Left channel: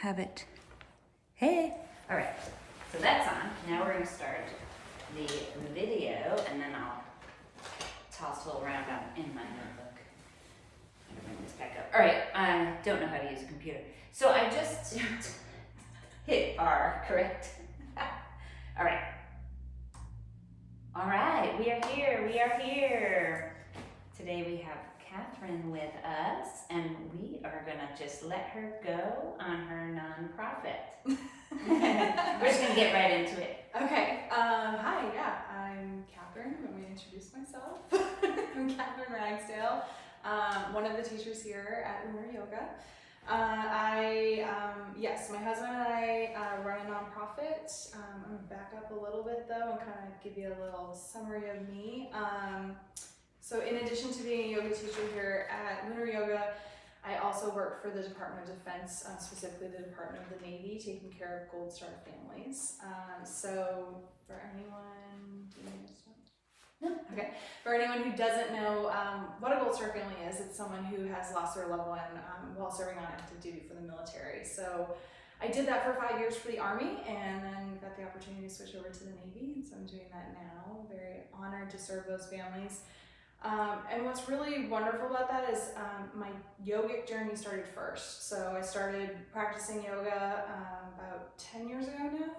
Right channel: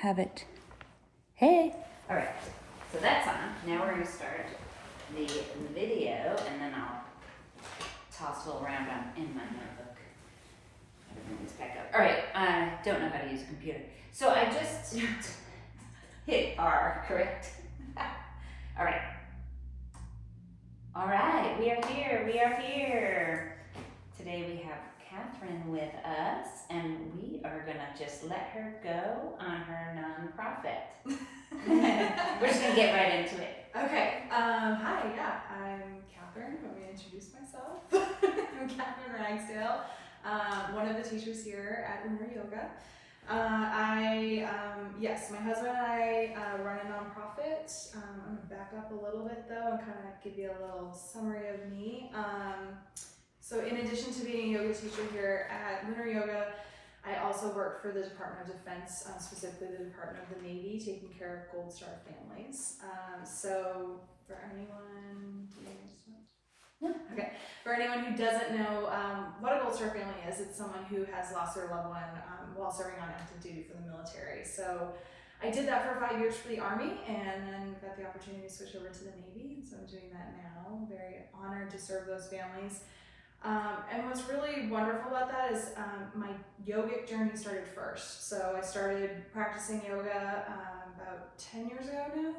have it. Hey. All right, so that's on. Now we're gonna start the video, and then I'll tossle around in my notebook. I'm gonna bring this back up. All right, I don't know how to use a computer, so I just hit R, correct? All right. All right, we are here. Today we have Catherine with us, and we are gonna just let her go on her nonprofit. We're just gonna get right into it. Okay, hi, yeah, I'm Catherine. Let me introduce myself. I'm Catherine Ragsdale, one of the teachers here at Lunar Yoga. Yes, my husband and I run a nonprofit. I'm gonna back up a little bit though and kind of give you a little summary of me. So in addition to being a yoga teacher here at Lunar Yoga, I also work for the Department of Defense, specifically the Department of the Navy, taking care of Gold Star families. So for anyone, okay, for anyone who doesn't know what a Gold Star family is, it's someone who has lost their loved one while serving on active duty for the military. So I did that for 5 years for the Army, and then got the opportunity to switch over to the Navy, and so I'm doing that now. Very honored to serve those families. And what's really wonderful about that is my yogic journey started first. So I started practicing yoga about 10 years ago now,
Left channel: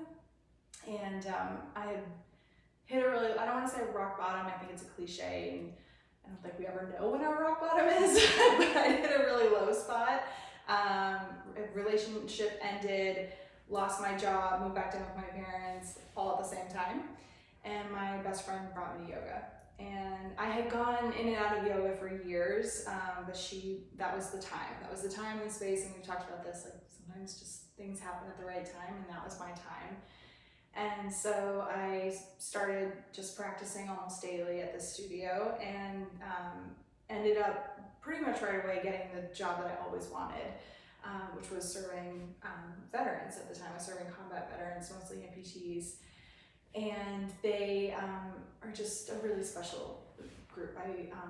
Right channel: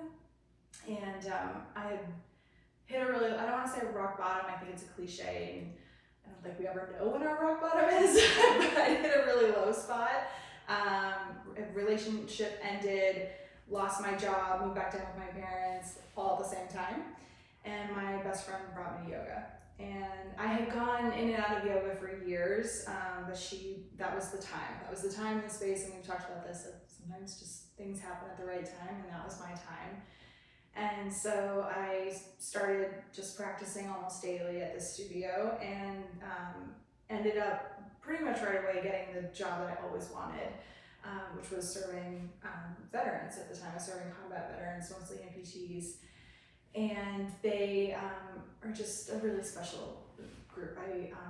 and I had hit a really, I don't want to say rock bottom, I think it's a cliche, and I don't think we ever know when our rock bottom is, but I hit a really low spot. A relationship ended, lost my job, moved back down with my parents, all at the same time, and my best friend brought me yoga. And I had gone in and out of yoga for years, but that was the time and space, and we've talked about this, like sometimes just things happen at the right time, and that was my time. And so I started just practicing almost daily at the studio, and ended up pretty much right away getting the job that I always wanted, which was serving veterans at the time. I was serving combat veterans, mostly amputees. And they are just a really special group.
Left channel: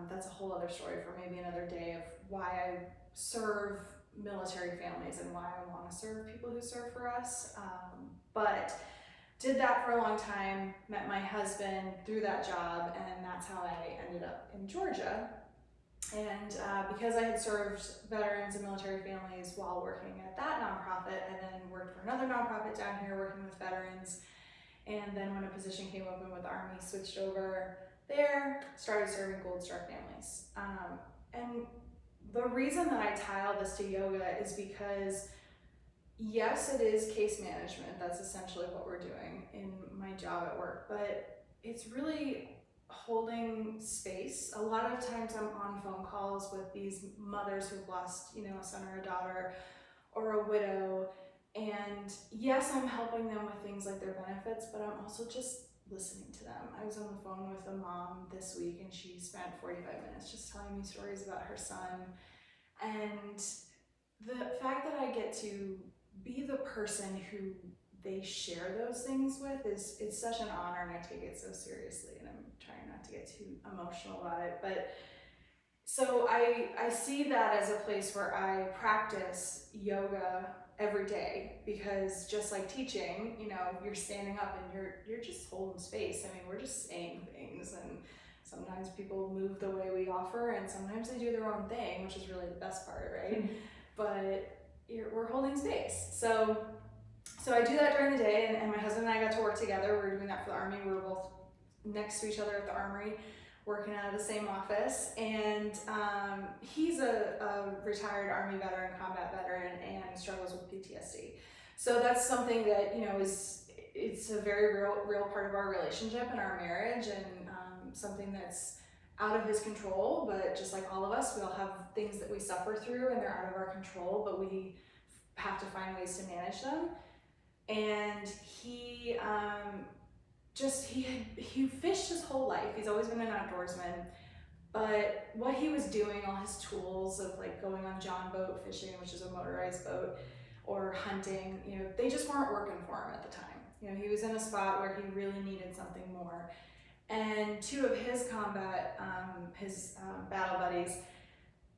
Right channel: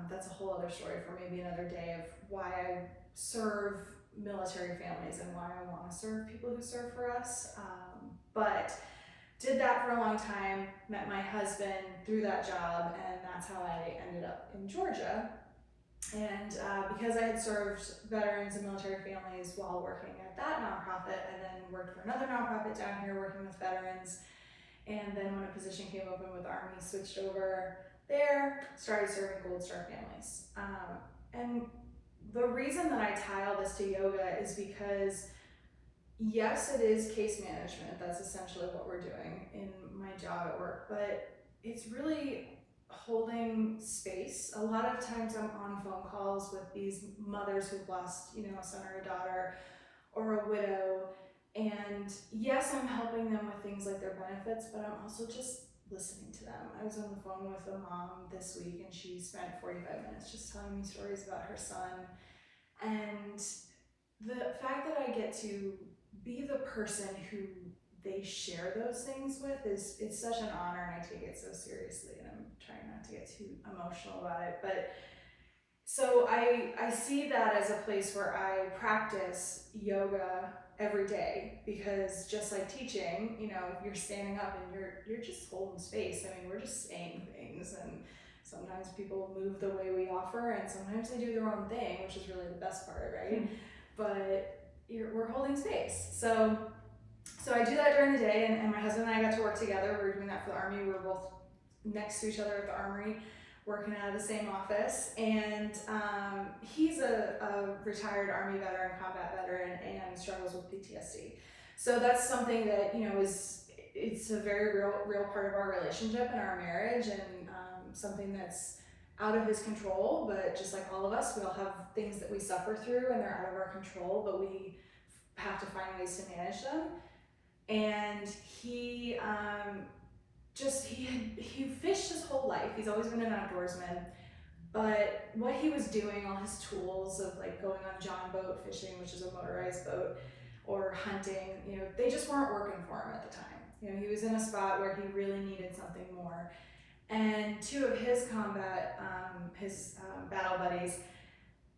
That's a whole other story for maybe another day of why I serve military families and why I want to serve people who serve for us. But did that for a long time, met my husband through that job, and that's how I ended up in Georgia. And because I had served veterans and military families while working at that nonprofit, I then worked for another nonprofit down here working with veterans. And then when a position came open with the Army, switched over there, started serving Gold Star families. And the reason that I tie all this to yoga is because, yes, it is case management. That's essentially what we're doing in my job at work, but it's really holding space. A lot of times I'm on phone calls with these mothers who've lost, a son or a daughter or a widow. And yes, I'm helping them with things like their benefits, but I'm also just listening to them. I was on the phone with a mom this week, and she spent 45 minutes just telling me stories about her son. And the fact that I get to be the person who they share those things with it's such an honor, and I take it so seriously, and I'm trying not to get too emotional about it. But so I see that as a place where I practice yoga every day, because just like teaching, you're standing up and you're just holding space. I mean, we're just saying things, and sometimes people move the way we offer, and sometimes they do their own thing, which is really the best part, right? Mm-hmm. But we're holding space. So I do that during the day, and my husband and I got to work together. We were doing that for the Army. We were both next to each other at the Armory, working out of the same office, and he's a retired Army veteran, combat veteran, and struggles with PTSD. So that's something that it's a very real part of our relationship and our marriage, and something that's out of his control. But just like all of us, we all have things that we suffer through, and they're out of our control, but we have to find ways to manage them. And he fished his whole life. He's always been an outdoorsman, but what he was doing, all his tools of like going on John boat fishing, which is a motorized boat, or hunting, they just weren't working for him at the time. He was in a spot where he really needed something more. And two of his battle buddies,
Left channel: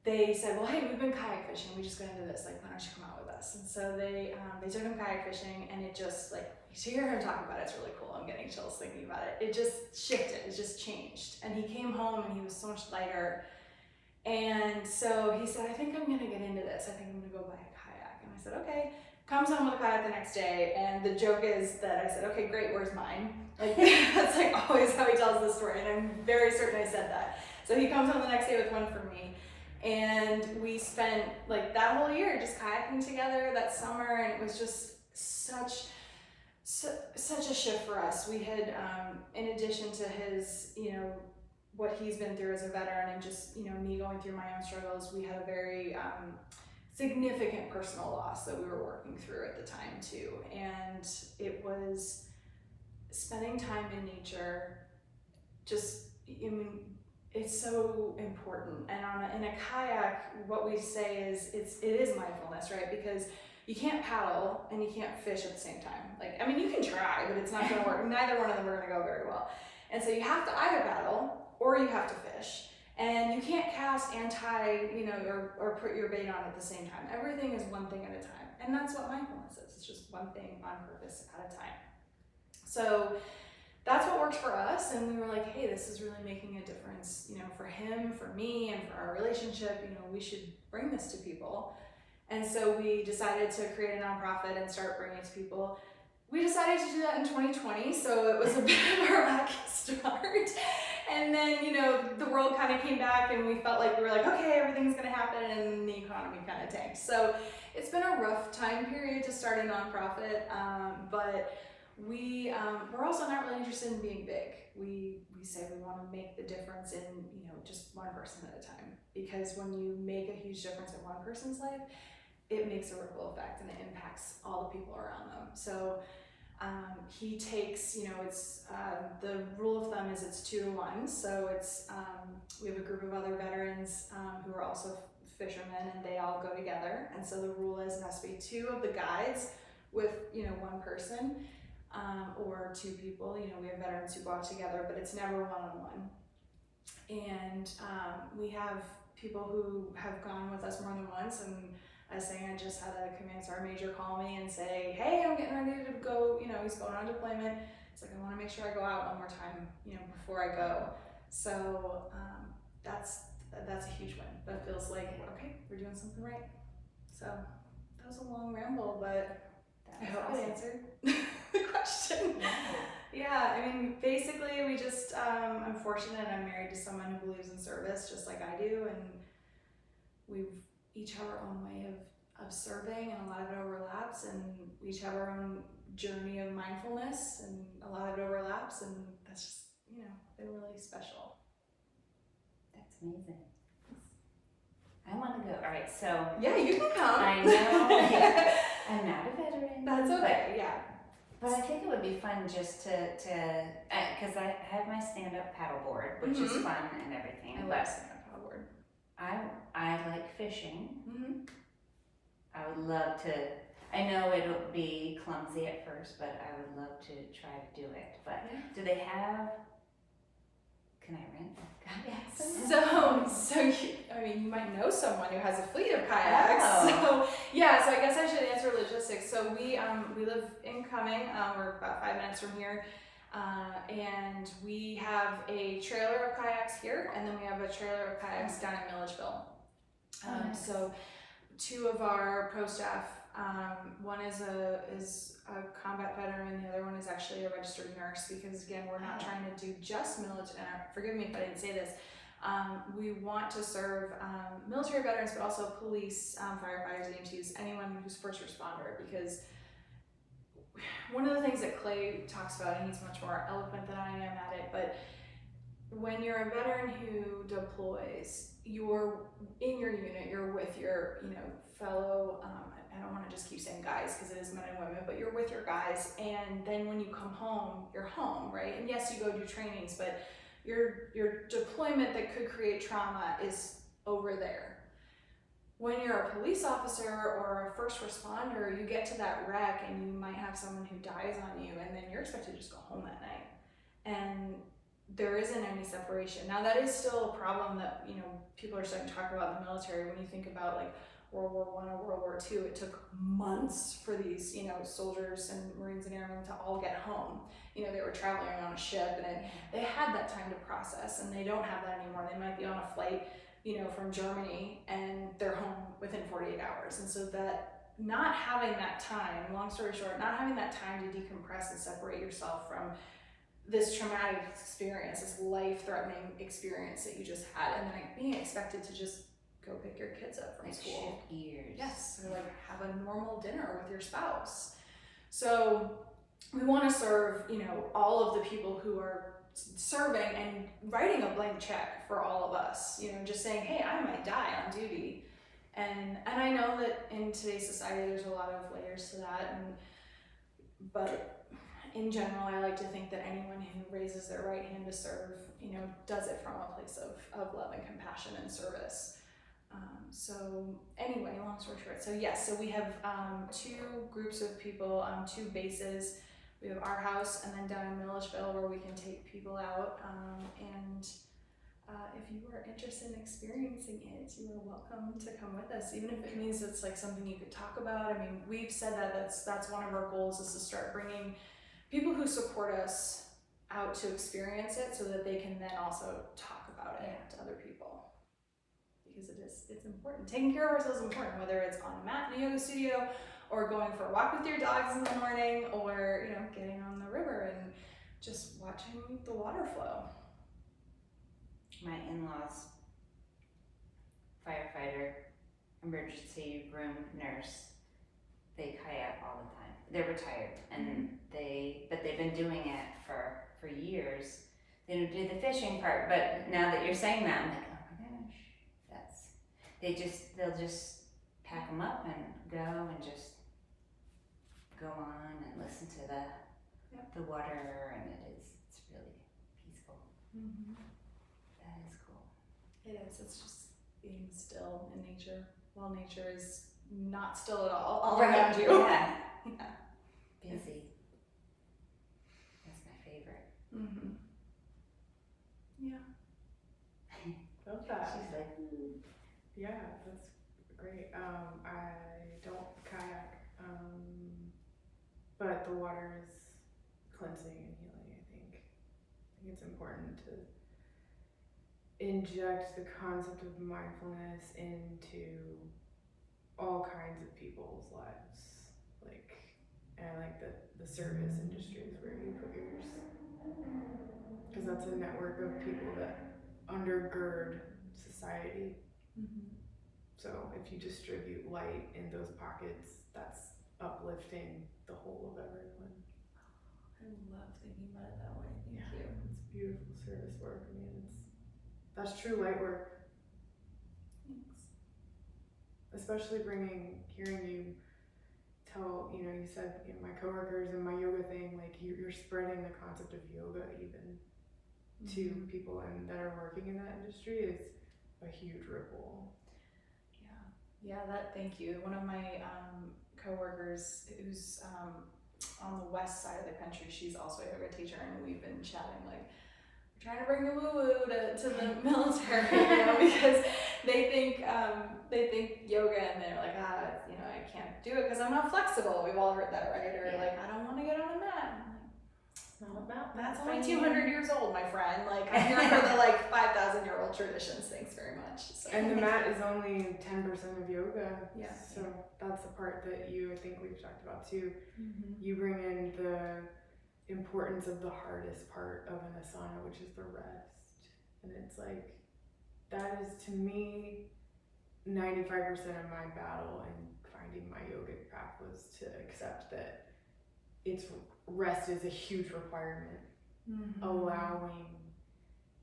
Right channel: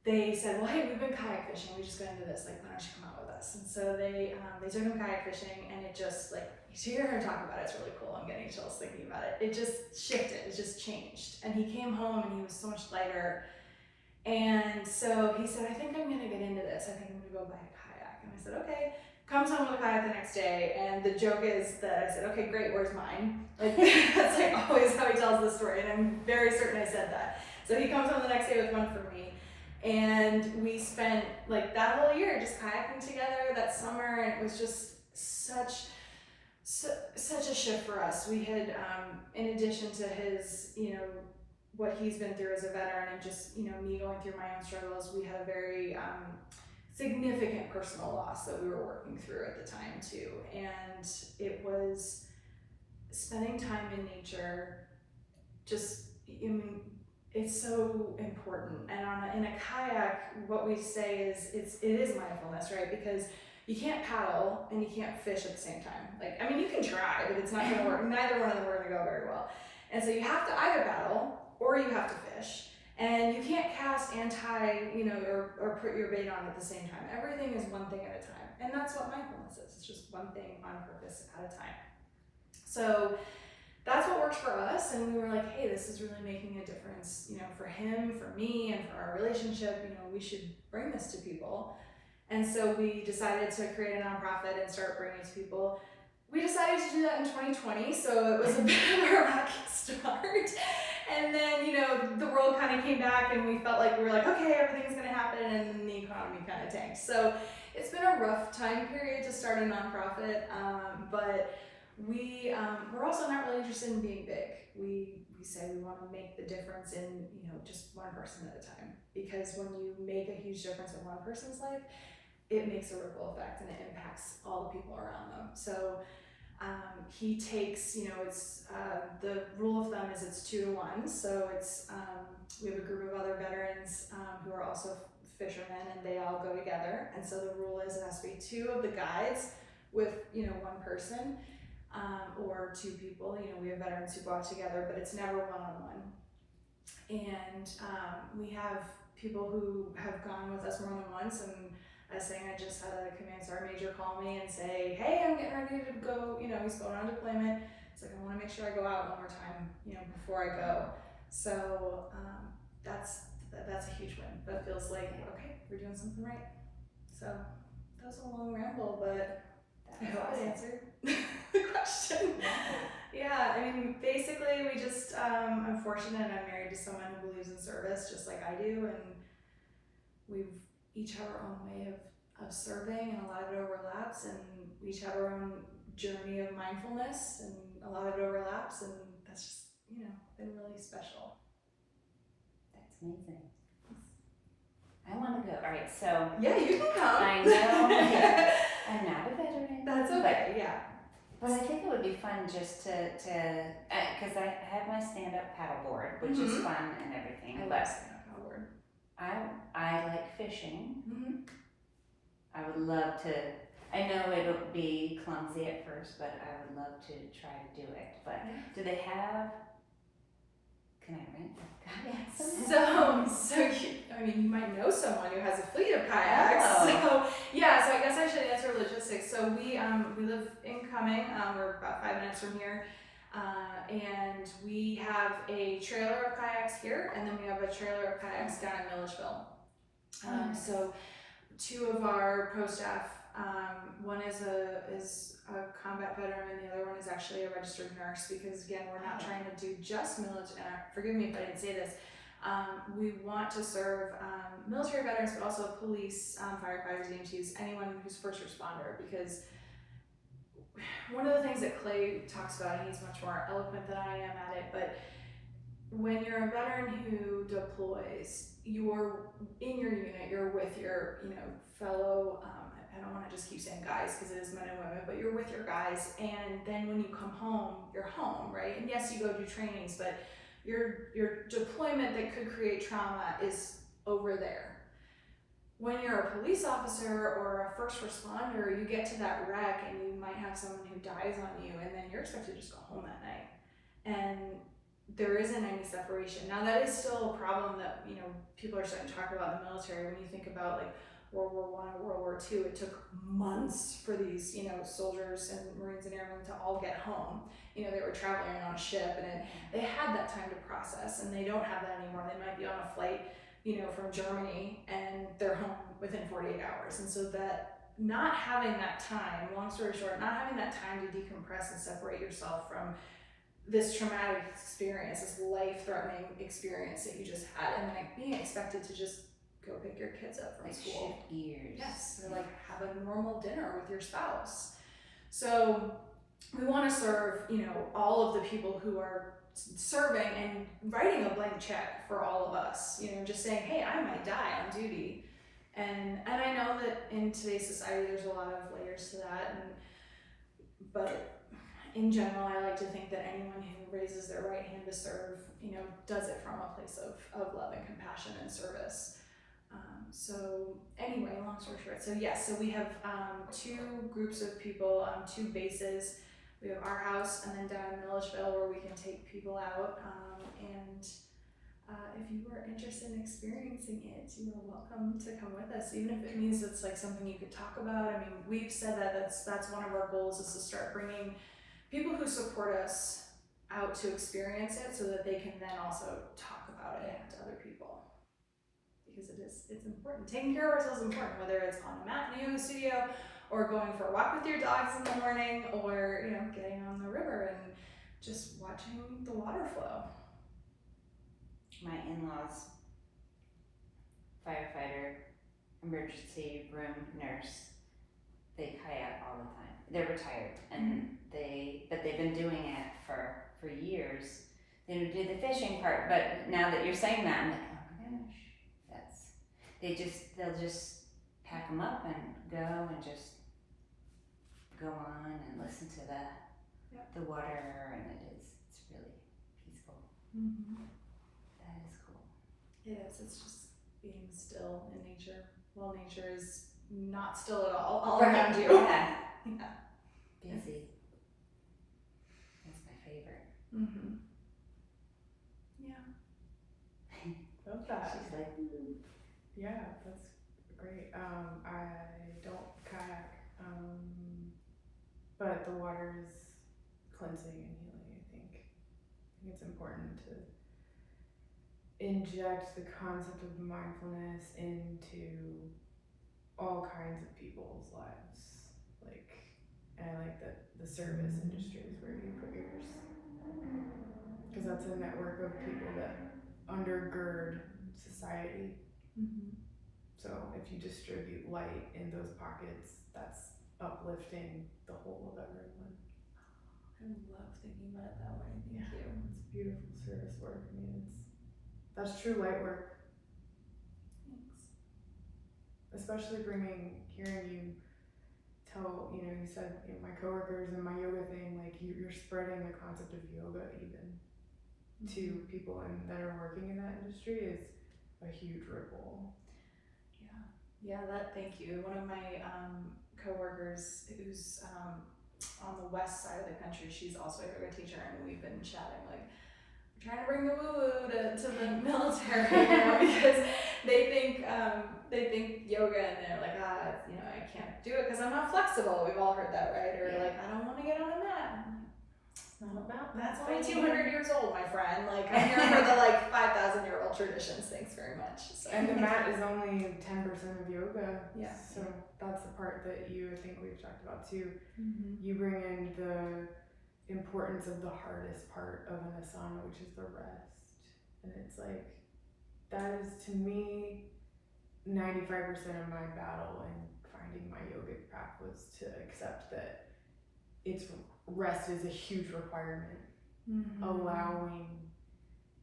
they said, well, hey, we've been kayak fishing, we just got into this, like, why don't you come out with us. And so they took him kayak fishing, and it just like, to hear him talk about it, it's really cool. I'm getting chills thinking about it. It just shifted, it just changed. And he came home and he was so much lighter. And so he said, I think I'm gonna get into this. I think I'm gonna go buy a kayak. And I said, okay. Comes home with a kayak the next day, and the joke is that I said, okay, great, where's mine? Like, that's like always how he tells the story, and I'm very certain I said that. So he comes home the next day with one for me, and we spent like that whole year just kayaking together that summer, and it was just such a shift for us. We had, in addition to his, what he's been through as a veteran, and just, me going through my own struggles, we had a very significant personal loss that we were working through at the time too. And it was spending time in nature, just, it's so important. And in a kayak, what we say is it is mindfulness, right? Because you can't paddle and you can't fish at the same time. Like, you can try, but it's not gonna work. Neither one of them are gonna go very well. And so you have to either paddle or you have to fish. And you can't cast and tie, or put your bait on at the same time. Everything is one thing at a time. And that's what mindfulness is. It's just one thing on purpose at a time. So that's what works for us. And we were like, hey, this is really making a difference, for him, for me, and for our relationship. We should bring this to people. And so we decided to create a nonprofit and start bringing it to people. We decided to do that in 2020. So it was a bit of a rocky start. And then, the world kind of came back, and we felt like we were like, okay, everything's going to happen, and the economy kind of tanked. So it's been a rough time period to start a nonprofit, but we're also not really interested in being big. We say we want to make the difference in, just one person at a time, because when you make a huge difference in one person's life, it makes a ripple effect, and it impacts all the people around them. So he takes, it's the rule of thumb is it's 2 to 1. So it's we have a group of other veterans who are also fishermen, and they all go together. And so the rule is it has to be 2 of the guides with 1 person or 2 people. We have veterans who go out together, but it's never one-on-one. And we have people who have gone with us more than once, and I was saying, I just had a command sergeant major call me and say, hey, I'm getting ready to go, he's going on deployment. It's like, I want to make sure I go out one more time, before I go. So that's a huge win. But it feels like, okay, we're doing something right. So that was a long ramble, but I hope it answered the question. Yeah, basically we just, I'm fortunate I'm married to someone who believes in service just like I do, and we've each have our own way of serving, and a lot of it overlaps, and we each have our own journey of mindfulness, and a lot of it overlaps, and that's just, been really special. That's amazing. I want to go. All right, so. Yeah, you can come. I know. I'm not a veteran. That's okay, yeah. But I think it would be fun just to because I have my stand-up paddleboard, which is fun and everything. I love stand-up paddleboard. I like fishing. Mm-hmm. I would love to. I know it'll be clumsy at first, but I would love to try to do it. But do they have? Can I rent a kayak? So you might know someone who has a fleet of kayaks. Oh. So I guess I should answer logistics. So we live in Cumming. We're about 5 minutes from here. And we have a trailer of kayaks here, and then we have a trailer of kayaks down in Milledgeville. So 2 of our pro staff, one is a combat veteran, and the other one is actually a registered nurse, because again, we're not trying to do just military, forgive me if I didn't say this, we want to serve military veterans, but also police, firefighters, EMTs, anyone who's first responder, because one of the things that Clay talks about, and he's much more eloquent than I am at it, but when you're a veteran who deploys, you're in your unit, you're with your, fellow, I don't want to just keep saying guys because it is men and women, but you're with your guys, and then when you come home, you're home, right? And yes, you go do trainings, but your deployment that could create trauma is over there. When you're a police officer or a first responder, you get to that wreck and you might have someone who dies on you, and then you're expected to just go home that night. And there isn't any separation. Now that is still a problem that, people are starting to talk about in the military when you think about like World War I or World War II, it took months for these, soldiers and Marines and airmen to all get home. They were traveling on a ship, and they had that time to process, and they don't have that anymore. They might be on a flight, from Germany, and they're home within 48 hours. And so that not having that time, long story short, not having that time to decompress and separate yourself from this traumatic experience, this life-threatening experience that you just had, and then being expected to just go pick your kids up from school. Shift gears. Yes, or have a normal dinner with your spouse. So we want to serve, all of the people who are serving and writing a blank check for all of us. Just saying, hey, I might die on duty, and I know that in today's society there's a lot of layers to that, but in general, I like to think that anyone who raises their right hand to serve, does it from a place of love and compassion and service. So anyway, long story short, so we have two groups of people, two bases. We have our house, and then down in Milledgeville where we can take people out. And if you are interested in experiencing it, you are welcome to come with us, even if it means it's something you could talk about. I mean, we've said that that's one of our goals, is to start bringing people who support us out to experience it, so that they can then also talk about it to other people. Because it's important. Taking care of ourselves is important, whether it's on a mat in a yoga studio, or going for a walk with your dogs in the morning, or getting on the river and just watching the water flow. My in-laws, firefighter, emergency room nurse, they kayak all the time. They're retired, and but they've been doing it for years. They don't do the fishing part, but now that you're saying that, I'm like, oh my gosh, they'll just pack them up and go and just go on and listen to the water, and it's really peaceful. Mm-hmm. That is cool. It is. It's just being still in nature. Well, nature is not still at all around you. Yeah. Busy. That's my favorite. Mm-hmm. Yeah. Love that. She's like, ooh. Yeah, that's great. I don't kayak, but the water is cleansing and healing, I think. I think it's important to inject the concept of mindfulness into all kinds of people's lives. And I like that the service industry is where you put yours, because that's a network of people that undergird society. Mm-hmm. So if you distribute light in those pockets, that's uplifting the whole of everyone. I love thinking about it that way. Thank you. It's beautiful service work. I mean, that's true light work. Thanks. Especially hearing you tell, you said my coworkers and my yoga thing, you're spreading the concept of yoga even to people that are working in that industry is a huge ripple. Yeah, thank you. One of my coworkers who's on the west side of the country, she's also a yoga teacher, and we've been chatting we're trying to bring the woo-woo to the military, because they think yoga, and they're like, I can't do it because I'm not flexible. We've all heard that, right? Or I don't want to get on a mat. It's not about that. That's only 200 years old, my friend. I'm here for the 5,000-year-old traditions. Thanks very much. So. And the mat is only 10% of yoga. Yeah. So that's the part that I think we've talked about too. Mm-hmm. You bring in the importance of the hardest part of an asana, which is the rest. And it's that is to me 95% of my battle in finding my yogic path was to accept that rest is a huge requirement. Mm-hmm. Allowing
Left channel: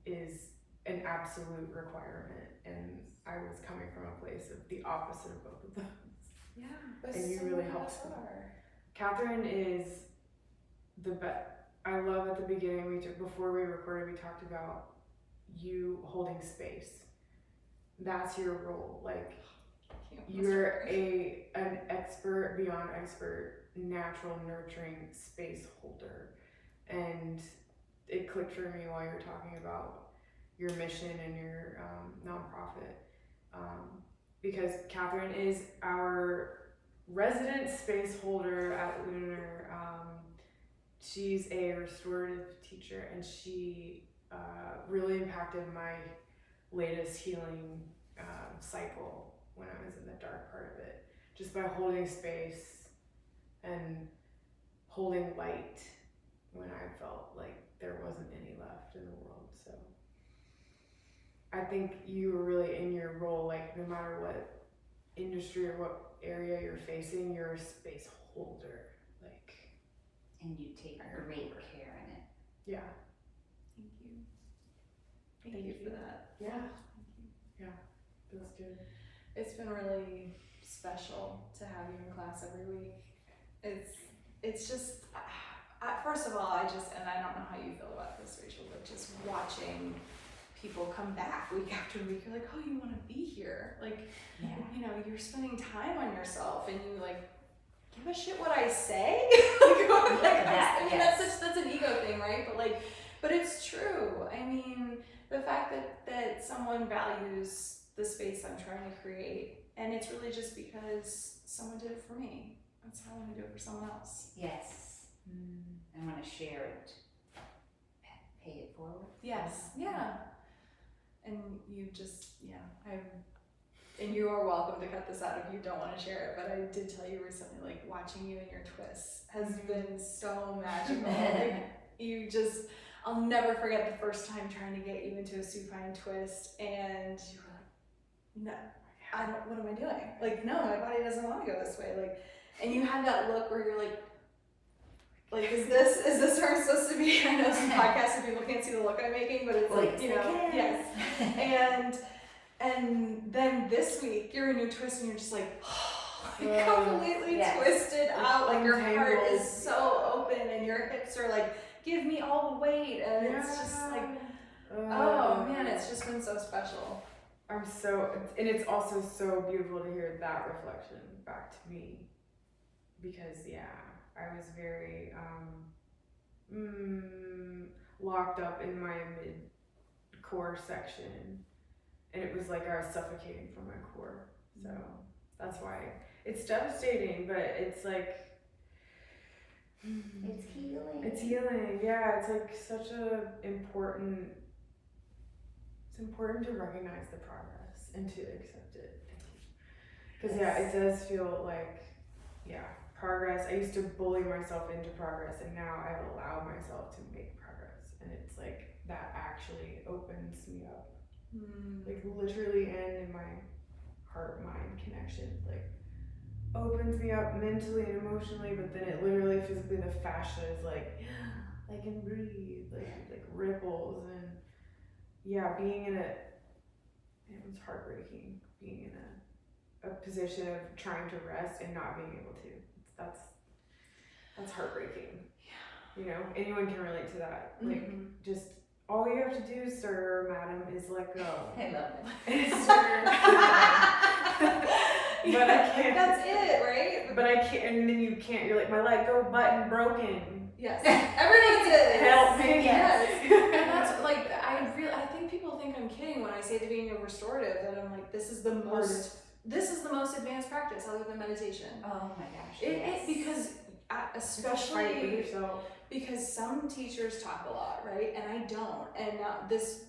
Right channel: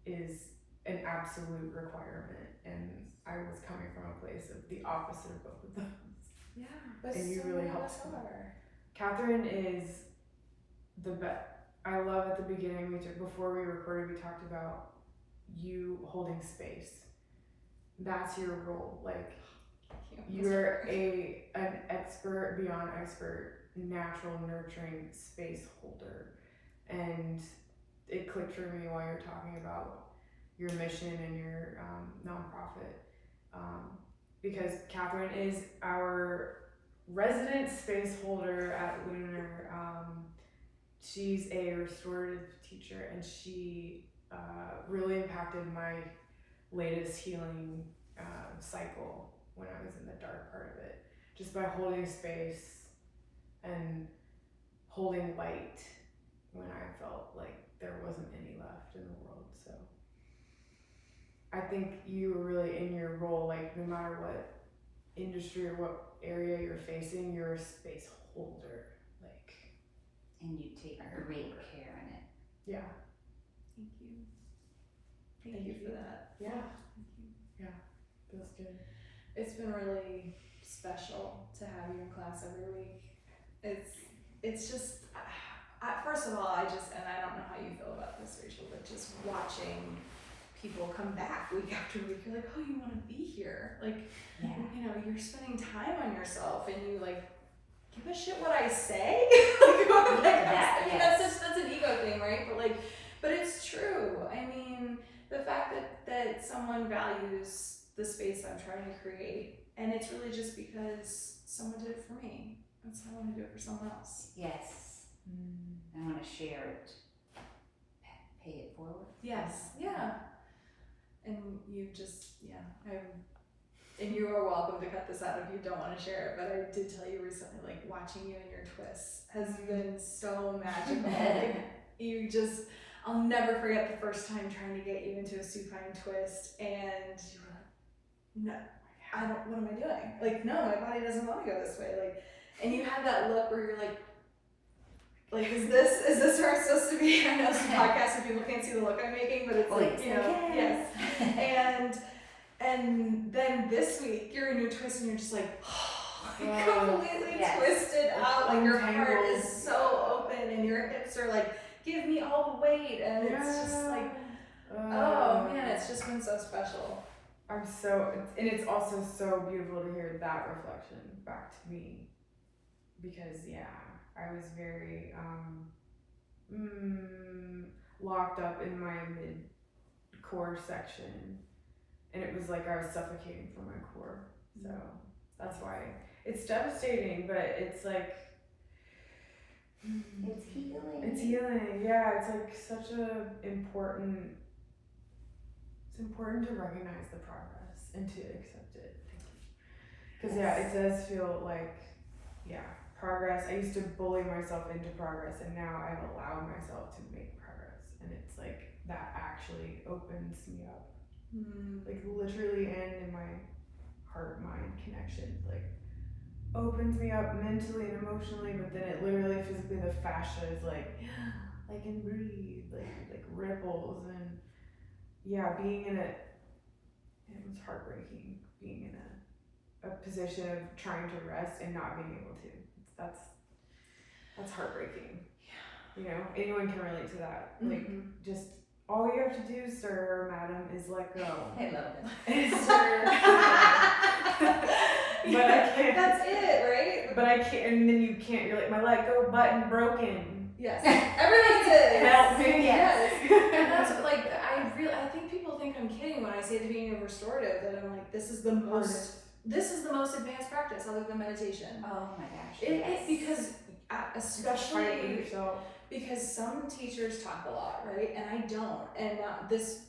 is an absolute requirement, and I was coming from a place of the opposite of both of those. Yeah, and you really helped me. Catherine is the best. I love at the beginning before we recorded, we talked about you holding space. That's your role. You're an expert beyond expert, natural nurturing space holder. And it clicked for me while you were talking about your mission and your nonprofit. because Catherine is our resident space holder at Lunar. She's a restorative teacher, and she really impacted my latest healing cycle when I was in the dark part of it, just by holding space and holding light when I felt like there wasn't any left in the world. So I think you were really in your role, like no matter what industry or what area you're facing, you're a space holder. Like, And you take great care in it. yeah. Thank you. Thank you for that. Yeah. Thank you. Yeah. Feels good. It's been really special to have you in class every week. It's just, first of all, and I don't know how you feel about this, Rachel, but just watching people come back week after week, you're like, oh, you want to be here. Like, Yeah. you know, you're spending time on yourself, and you like, give a shit what I say? I mean, that's an ego thing, right? But it's true. I mean, the fact that someone values the space I'm trying to create, and it's really just because someone did it for me. That's how I want to do it for someone else. Yes. I want to share it. Pay it forward. Yes. Yeah. And you just, and you are welcome to cut this out if you don't want to share it, but I did tell you recently, like, watching you and your twists has been so magical. Like, I'll never forget the first time trying to get you into a supine twist, and you were like, no, what am I doing? Like, no, my body doesn't want to go this way. Like, and you had that look where you're like, is this where I'm supposed to be? I know some podcasts and people can't see the look I'm making, but it's like, you know, yes. And then this week you're in a twist and you're just like, completely twisted out. Like your heart is so open and your hips are like, give me all the weight. And it's just like, oh man, it's just been so special. And it's also so beautiful to hear that reflection back to me, because I was very locked up in my mid-core section, and it was like I was suffocating from my core. So that's why it's devastating, but it's like It's healing. It's healing. Yeah, it's like such important. It's important to recognize the progress and to accept it. Because it does feel like progress. I used to bully myself into progress, and now I've allowed myself to make progress, and it's like that actually opens me up, like literally, and in my heart-mind connection, like opens me up mentally and emotionally, but then it literally physically, the fascia is like I can breathe, like ripples, and being in it was heartbreaking, being in a position of trying to rest and not being able to. That's heartbreaking. You know, anyone can relate to that. Like, just all you have to do, sir or madam, is let go. I love it. But I can't. That's it, right? But I can't, and then you can't. You're like, my let go button broken. Yes, everything's it. Help me. Yes. And that's like, I think people think I'm kidding when I say to being a restorative that I'm like, this is the most advanced practice other than meditation. Oh my gosh. Because especially with yourself. Because some teachers talk a lot, right? And I don't. And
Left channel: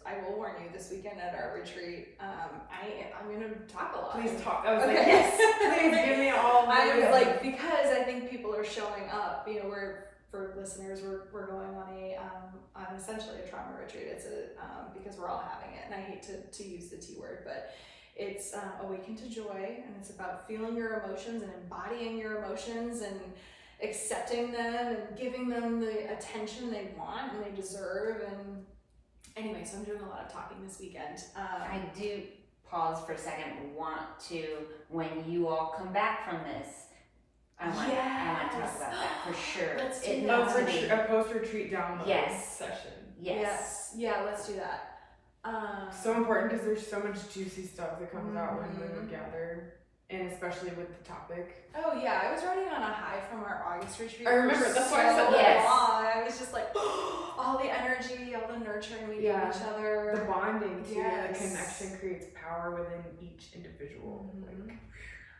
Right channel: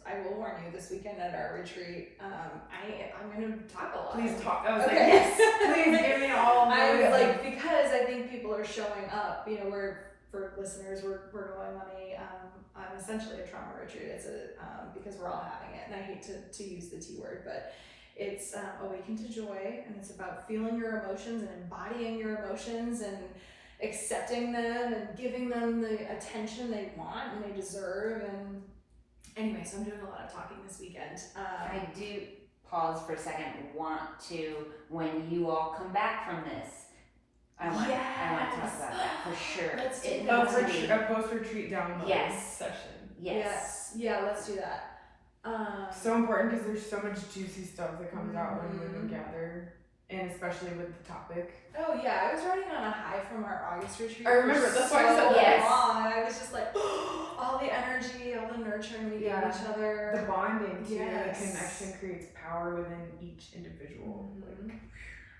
I will warn you, this weekend at our retreat, I'm going to talk a lot. Please talk. I was like, yes, please give me all. I was like, because I think people are showing up. You know, for listeners, we're going on on essentially a trauma retreat. It's because we're all having it, and I hate to use the T word, but it's awaken to joy, and it's about feeling your emotions and embodying your emotions and accepting them and giving them the attention they want and they deserve. And anyway, so I'm doing a lot of talking this weekend. I do pause for a second. Want to, when you all come back from this, I want to talk about that for sure. Let's do It that. needs to be A post-retreat download session. Yes. Yeah, let's do that. So important, because there's so much juicy stuff that comes out when women gather, and especially with the topic. Oh yeah, I was riding on a high from from our August retreat. I remember, for that's why I said so yes. long, and I was just like, all the energy, all the nurturing we give each other. The bonding too, Yes. the connection creates power within each individual. Mhm.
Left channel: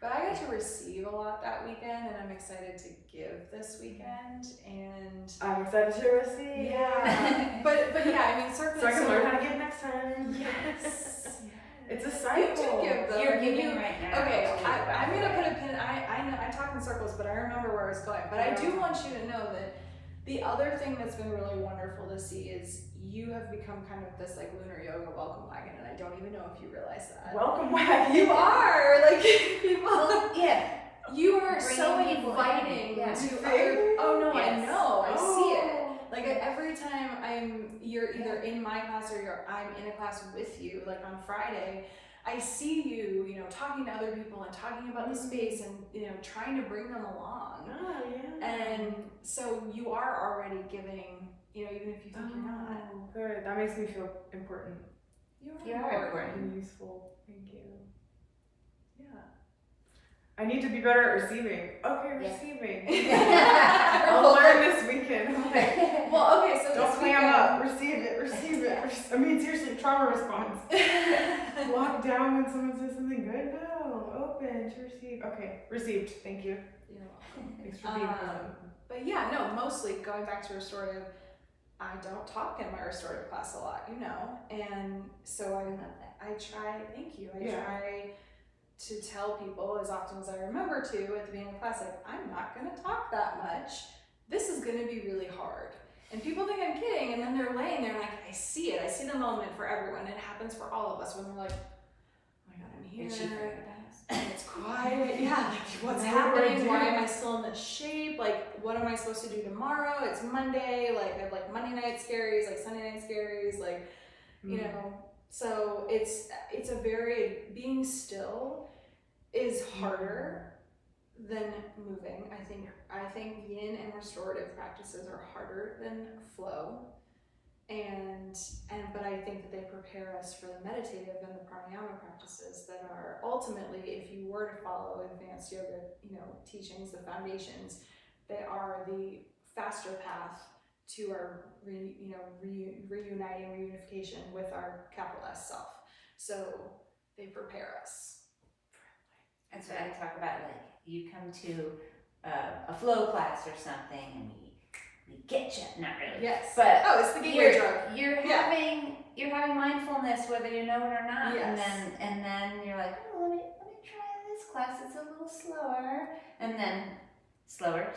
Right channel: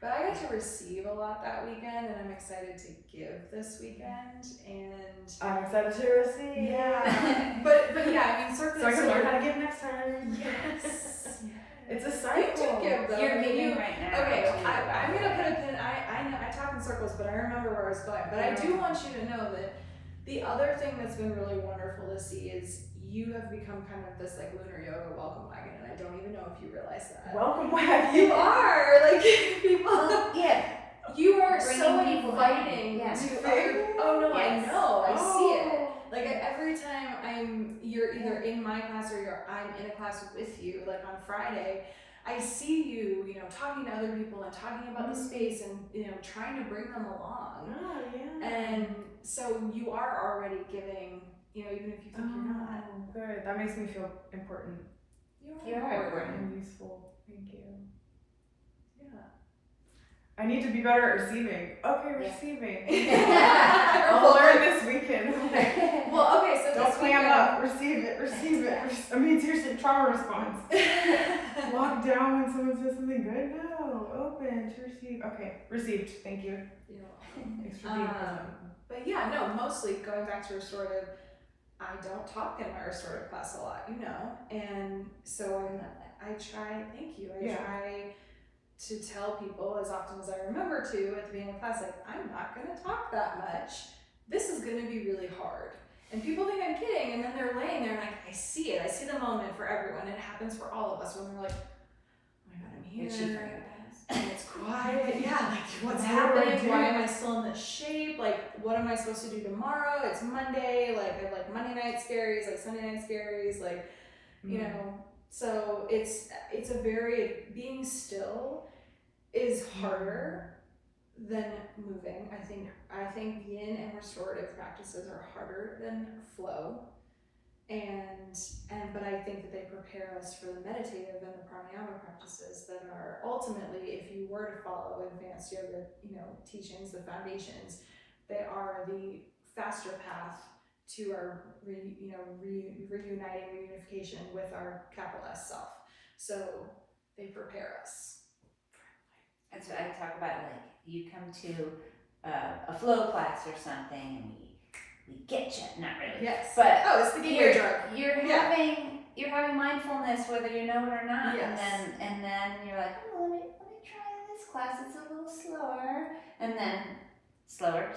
But I got to receive a lot that weekend, and I'm excited to give this weekend. And I'm excited to receive. yeah, but yeah, I mean, certainly. So I can learn how to give next time. Yes. It's a You cycle. do give though. You're and giving you- right now. Okay, too, by I'm the gonna way. put a pin. I know I talk in circles, but I remember where I was going. But I do want you to know that the other thing that's been really wonderful to see is you have become kind of this like lunar yoga welcome wagon, and I don't even know if you realize that. Welcome back. You are like people. Well, yeah. You are Bringing so people inviting in, yeah. to other. Oh no, Yes. I know. I see it. Oh. Like every time you're either in my class or I'm in a class with you. Like on Friday, I see you, talking to other people and talking about the space and trying to bring them along. Oh, yeah. And so you are already giving, even if you think you're not. Good. That makes me feel important You are important. and useful. Thank you. Yeah. I need to be better at receiving. Okay, Yeah. receiving. Yeah. I'll learn this weekend. Well, okay, so Don't this clam weekend- up. Receive it. Receive it. I mean, seriously, trauma response. Lock down when someone says something good? No. Open to receive. Okay. Received. Thank you. You're welcome. Thanks for being present. But yeah, no, mostly going back to restorative, I don't talk in my restorative class a lot, and so I try, thank you, I Yeah. try to tell people as often as I remember to at the beginning of class, like, I'm not gonna talk that much, this is gonna be really hard. And people think I'm kidding, and then they're laying there and I see it, I see the moment for everyone, and it happens for all of us when we're like, oh my god, I'm here. Did she forget us? And it's quiet, yeah, like what's What do I happening? Why do? am I still in this shape? Like, what am I supposed to do tomorrow? It's Monday, like I have like Monday night scaries, like Sunday night scaries, like, so it's a very, being still is harder than moving. I think yin and restorative practices are harder than flow. But I think that they prepare us for the meditative and the pranayama practices that are ultimately, if you were to follow advanced yoga, teachings, the foundations, they are the faster path to our, reunification with our capital S self. So they prepare us. That's what I talk about, like, you come to a flow class or something and we get you, not really. Yes. But it's the gateway drug. You're Yeah. having mindfulness whether you know it or not, Yes. and then you're like, oh, let me try this class. It's a little slower, and then slower,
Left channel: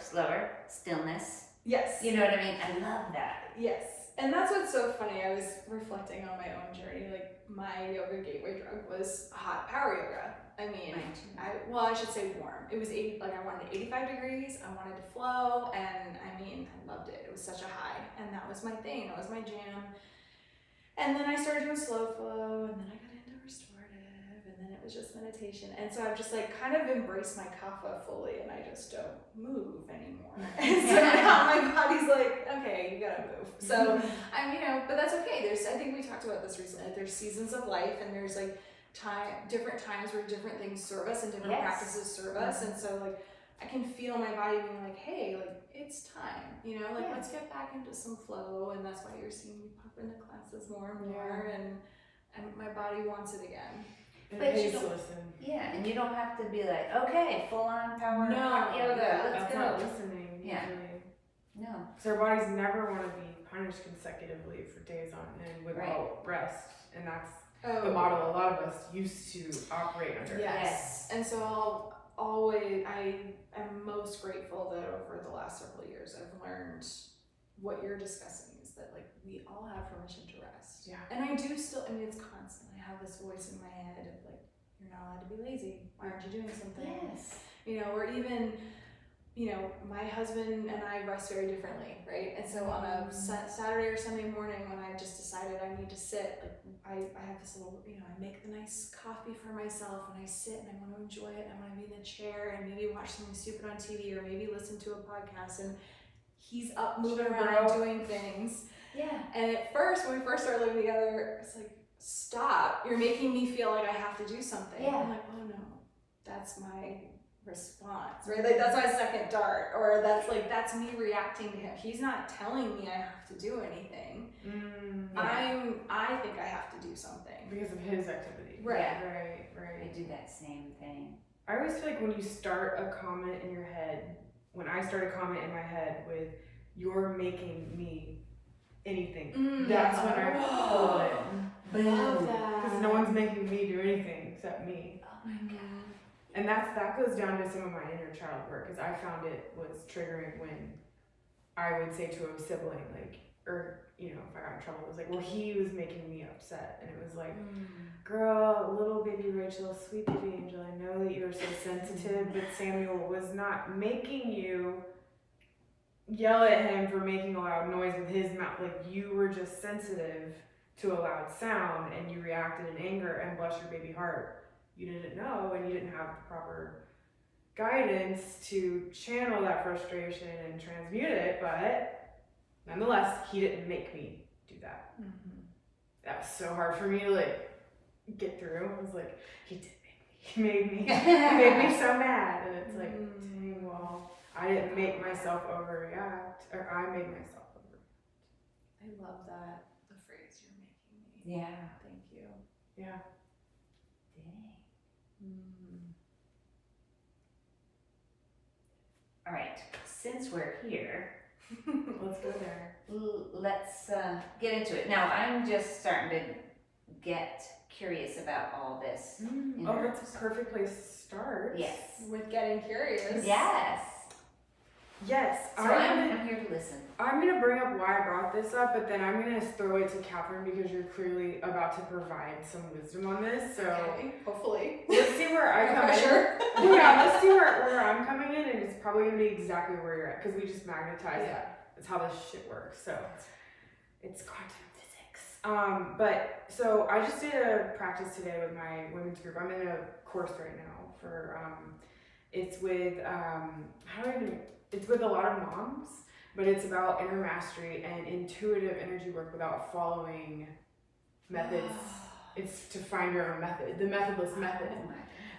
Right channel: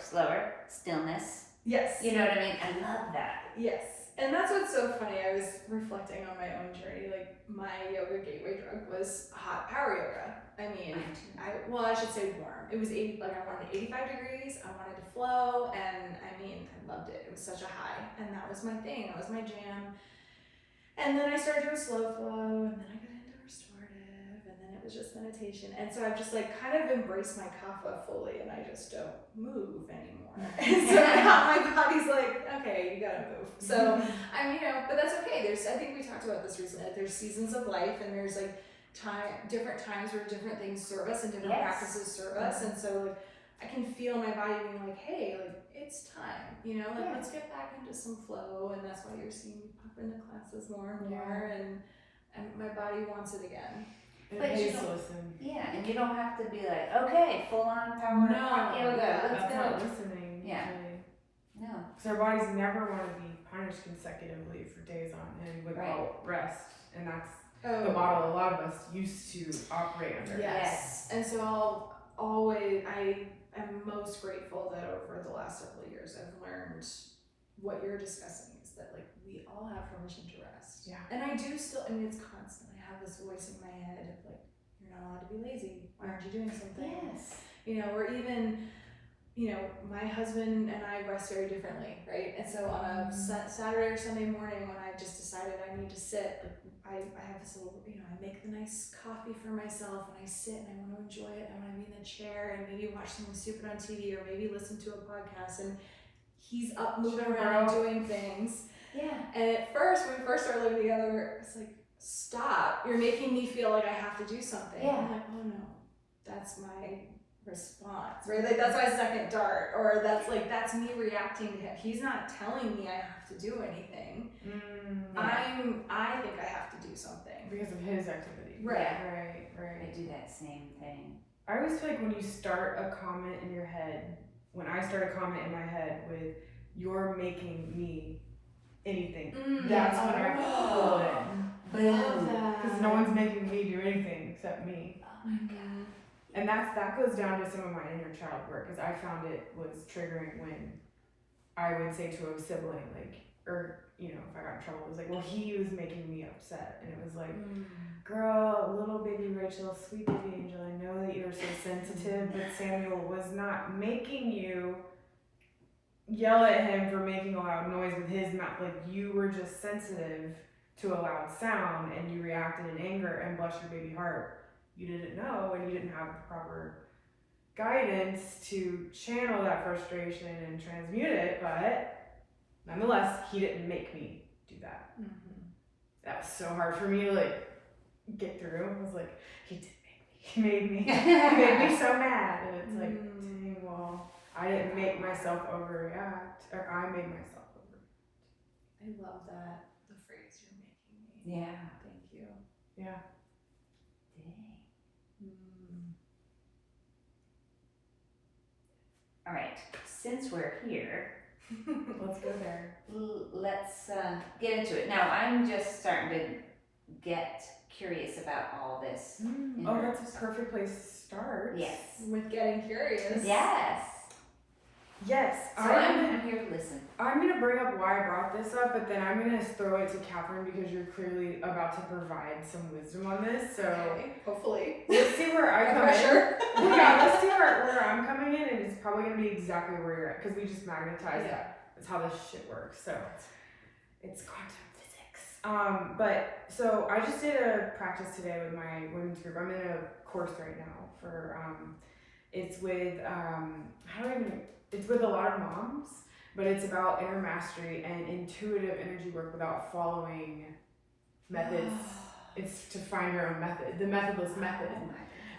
stillness. Yes. You know what I mean? I love that. Yes. And that's what's so funny. I was reflecting on my own journey. Like, my yoga gateway drug was hot power yoga. I mean, Mine too. I should say warm. It was I wanted 85 degrees. I wanted to flow, and I loved it. It was such a high, and that was my thing. That was my jam. And then I started doing slow flow, and then I got into restorative, and then it was just meditation. And so I've just kind of embraced my kapha fully, and I just don't move anymore. And so now my body's like, okay, you gotta move. So but that's okay. I think we talked about this recently. Like, there's seasons of life, and there's different times where different things serve us and different Yes. practices serve us. And so I can feel my body being like, hey, it's time, Yeah. let's get back into some flow. And that's why you're seeing me pop into classes more and more, and my body wants it again. And But you please don't- listen. Yeah, and you don't have to be like, okay, full on power No, hot yoga. yeah, Let's That's go. not listening Yeah. usually. No. Because our bodies never want to be punished consecutively for days on end without rest. And that's the model a lot of us used to operate under. Yes. And so I'm most grateful that over the last several years I've learned what you're discussing is that we all have permission to rest. Yeah. And I do still, it's constant. I have this voice in my head of you're not allowed to be lazy. Why aren't you doing something? Yes. Or even, my husband and I rest very differently, right? And so on a Saturday or Sunday morning when I just decided I need to sit, I have this little, I make the nice coffee for myself and I sit and I want to enjoy it. And I want to be in the chair and maybe watch something stupid on TV or maybe listen to a podcast, and he's up moving around doing things. Yeah. And at first, when we first started living together, it's like, stop, you're making me feel like I have to do something. Yeah. I'm like, oh no, that's my response, right? Like that's my second dart, or that's me reacting to him. He's not telling me I have to do anything. I think I have to do something because of his activity. Right. I do that same thing. I always feel like when you start a comment in your head, when I start a comment in my head with "you're making me anything," that's when I pull it in. Boom. Because no one's making me do anything except me. Oh my God. And that goes down to some of my inner child work, because I found it was triggering when I would say to a sibling, like, or, you know, if I got in trouble, it was like, well, he was making me upset. And it was like, girl, little baby Rachel, sweet baby angel, I know that you're so sensitive, but Samuel was not making you yell at him for making a loud noise with his mouth. Like, you were just sensitive to a loud sound and you reacted in anger, and bless your baby heart, you didn't know and you didn't have the proper guidance to channel that frustration and transmute it. But nonetheless, he didn't make me do that. That was so hard for me to like get through. I was like, he did make me. He made me so mad. And it's like, dang, well, I didn't make myself overreact, or I made myself overreact. I love that, the phrase "you're making me." Yeah. Thank you. Yeah. Dang. All right, since we're here, Let's go there. let's get into it. Now, I'm just starting to get curious about all this. Oh, that's a perfect place to start. Yes. With getting curious. Yes. Yes. So I'm here to listen. I'm going to bring up why I brought this up, but then I'm going to throw it to Catherine because you're clearly about to provide some wisdom on this. So Okay, hopefully. let's see where I come in. Well, yeah, let's see where I'm coming in, and it's probably going to be exactly where you're at because we just magnetize that. That's how this shit works. So it's quantum physics. But so I just did a practice today with my women's group. I'm in a course right now for it's with it's with a lot of moms, but it's about inner mastery and intuitive energy work without following methods. It's to find your own method, the methodless method.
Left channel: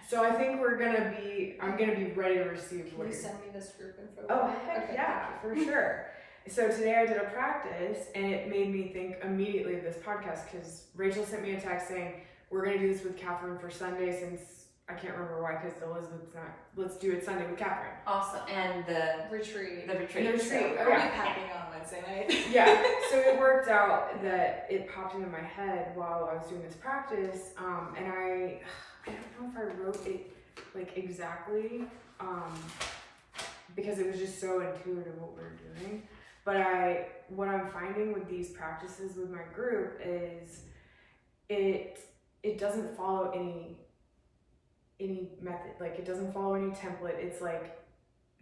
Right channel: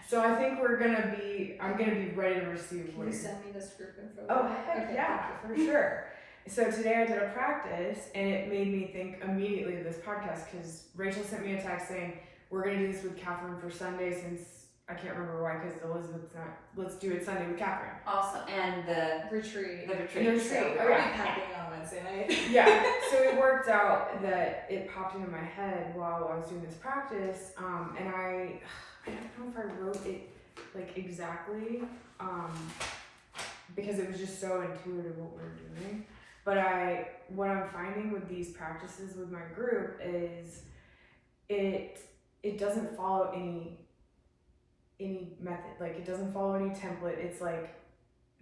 So I think I'm gonna be ready to receive. Can you send me this group info? Oh heck yeah, for sure. So today I did a practice and it made me think immediately of this podcast because Rachel sent me a text saying, we're gonna do this with Catherine for Sunday since I can't remember why, because Elizabeth's not. Let's do it Sunday with Catherine. Awesome. And the retreat. So, oh, yeah. Happening on Wednesday night. Yeah. So it worked out that it popped into my head while I was doing this practice, and I don't know if I wrote it like exactly, because it was just so intuitive what we're doing. But what I'm finding with these practices with my group is it doesn't follow any method, like it doesn't follow any template. It's like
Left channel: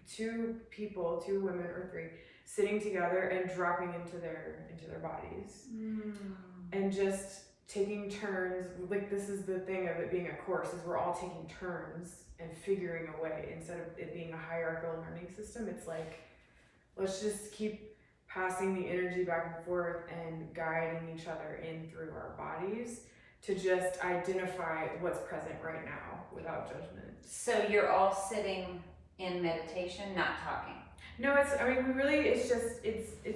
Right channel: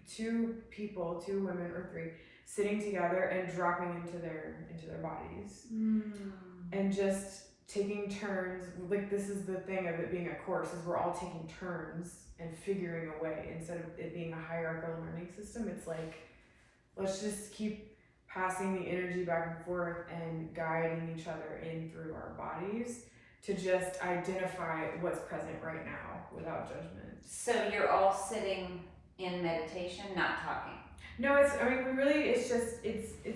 two women or three sitting together and dropping into their bodies and just taking turns. Like this is the thing of it being a course, is we're all taking turns and figuring a way instead of it being a hierarchical learning system. It's like, let's just keep passing the energy back and forth and guiding each other in through our bodies to just identify what's present right now without judgment. So you're all sitting in meditation, not talking. No, it's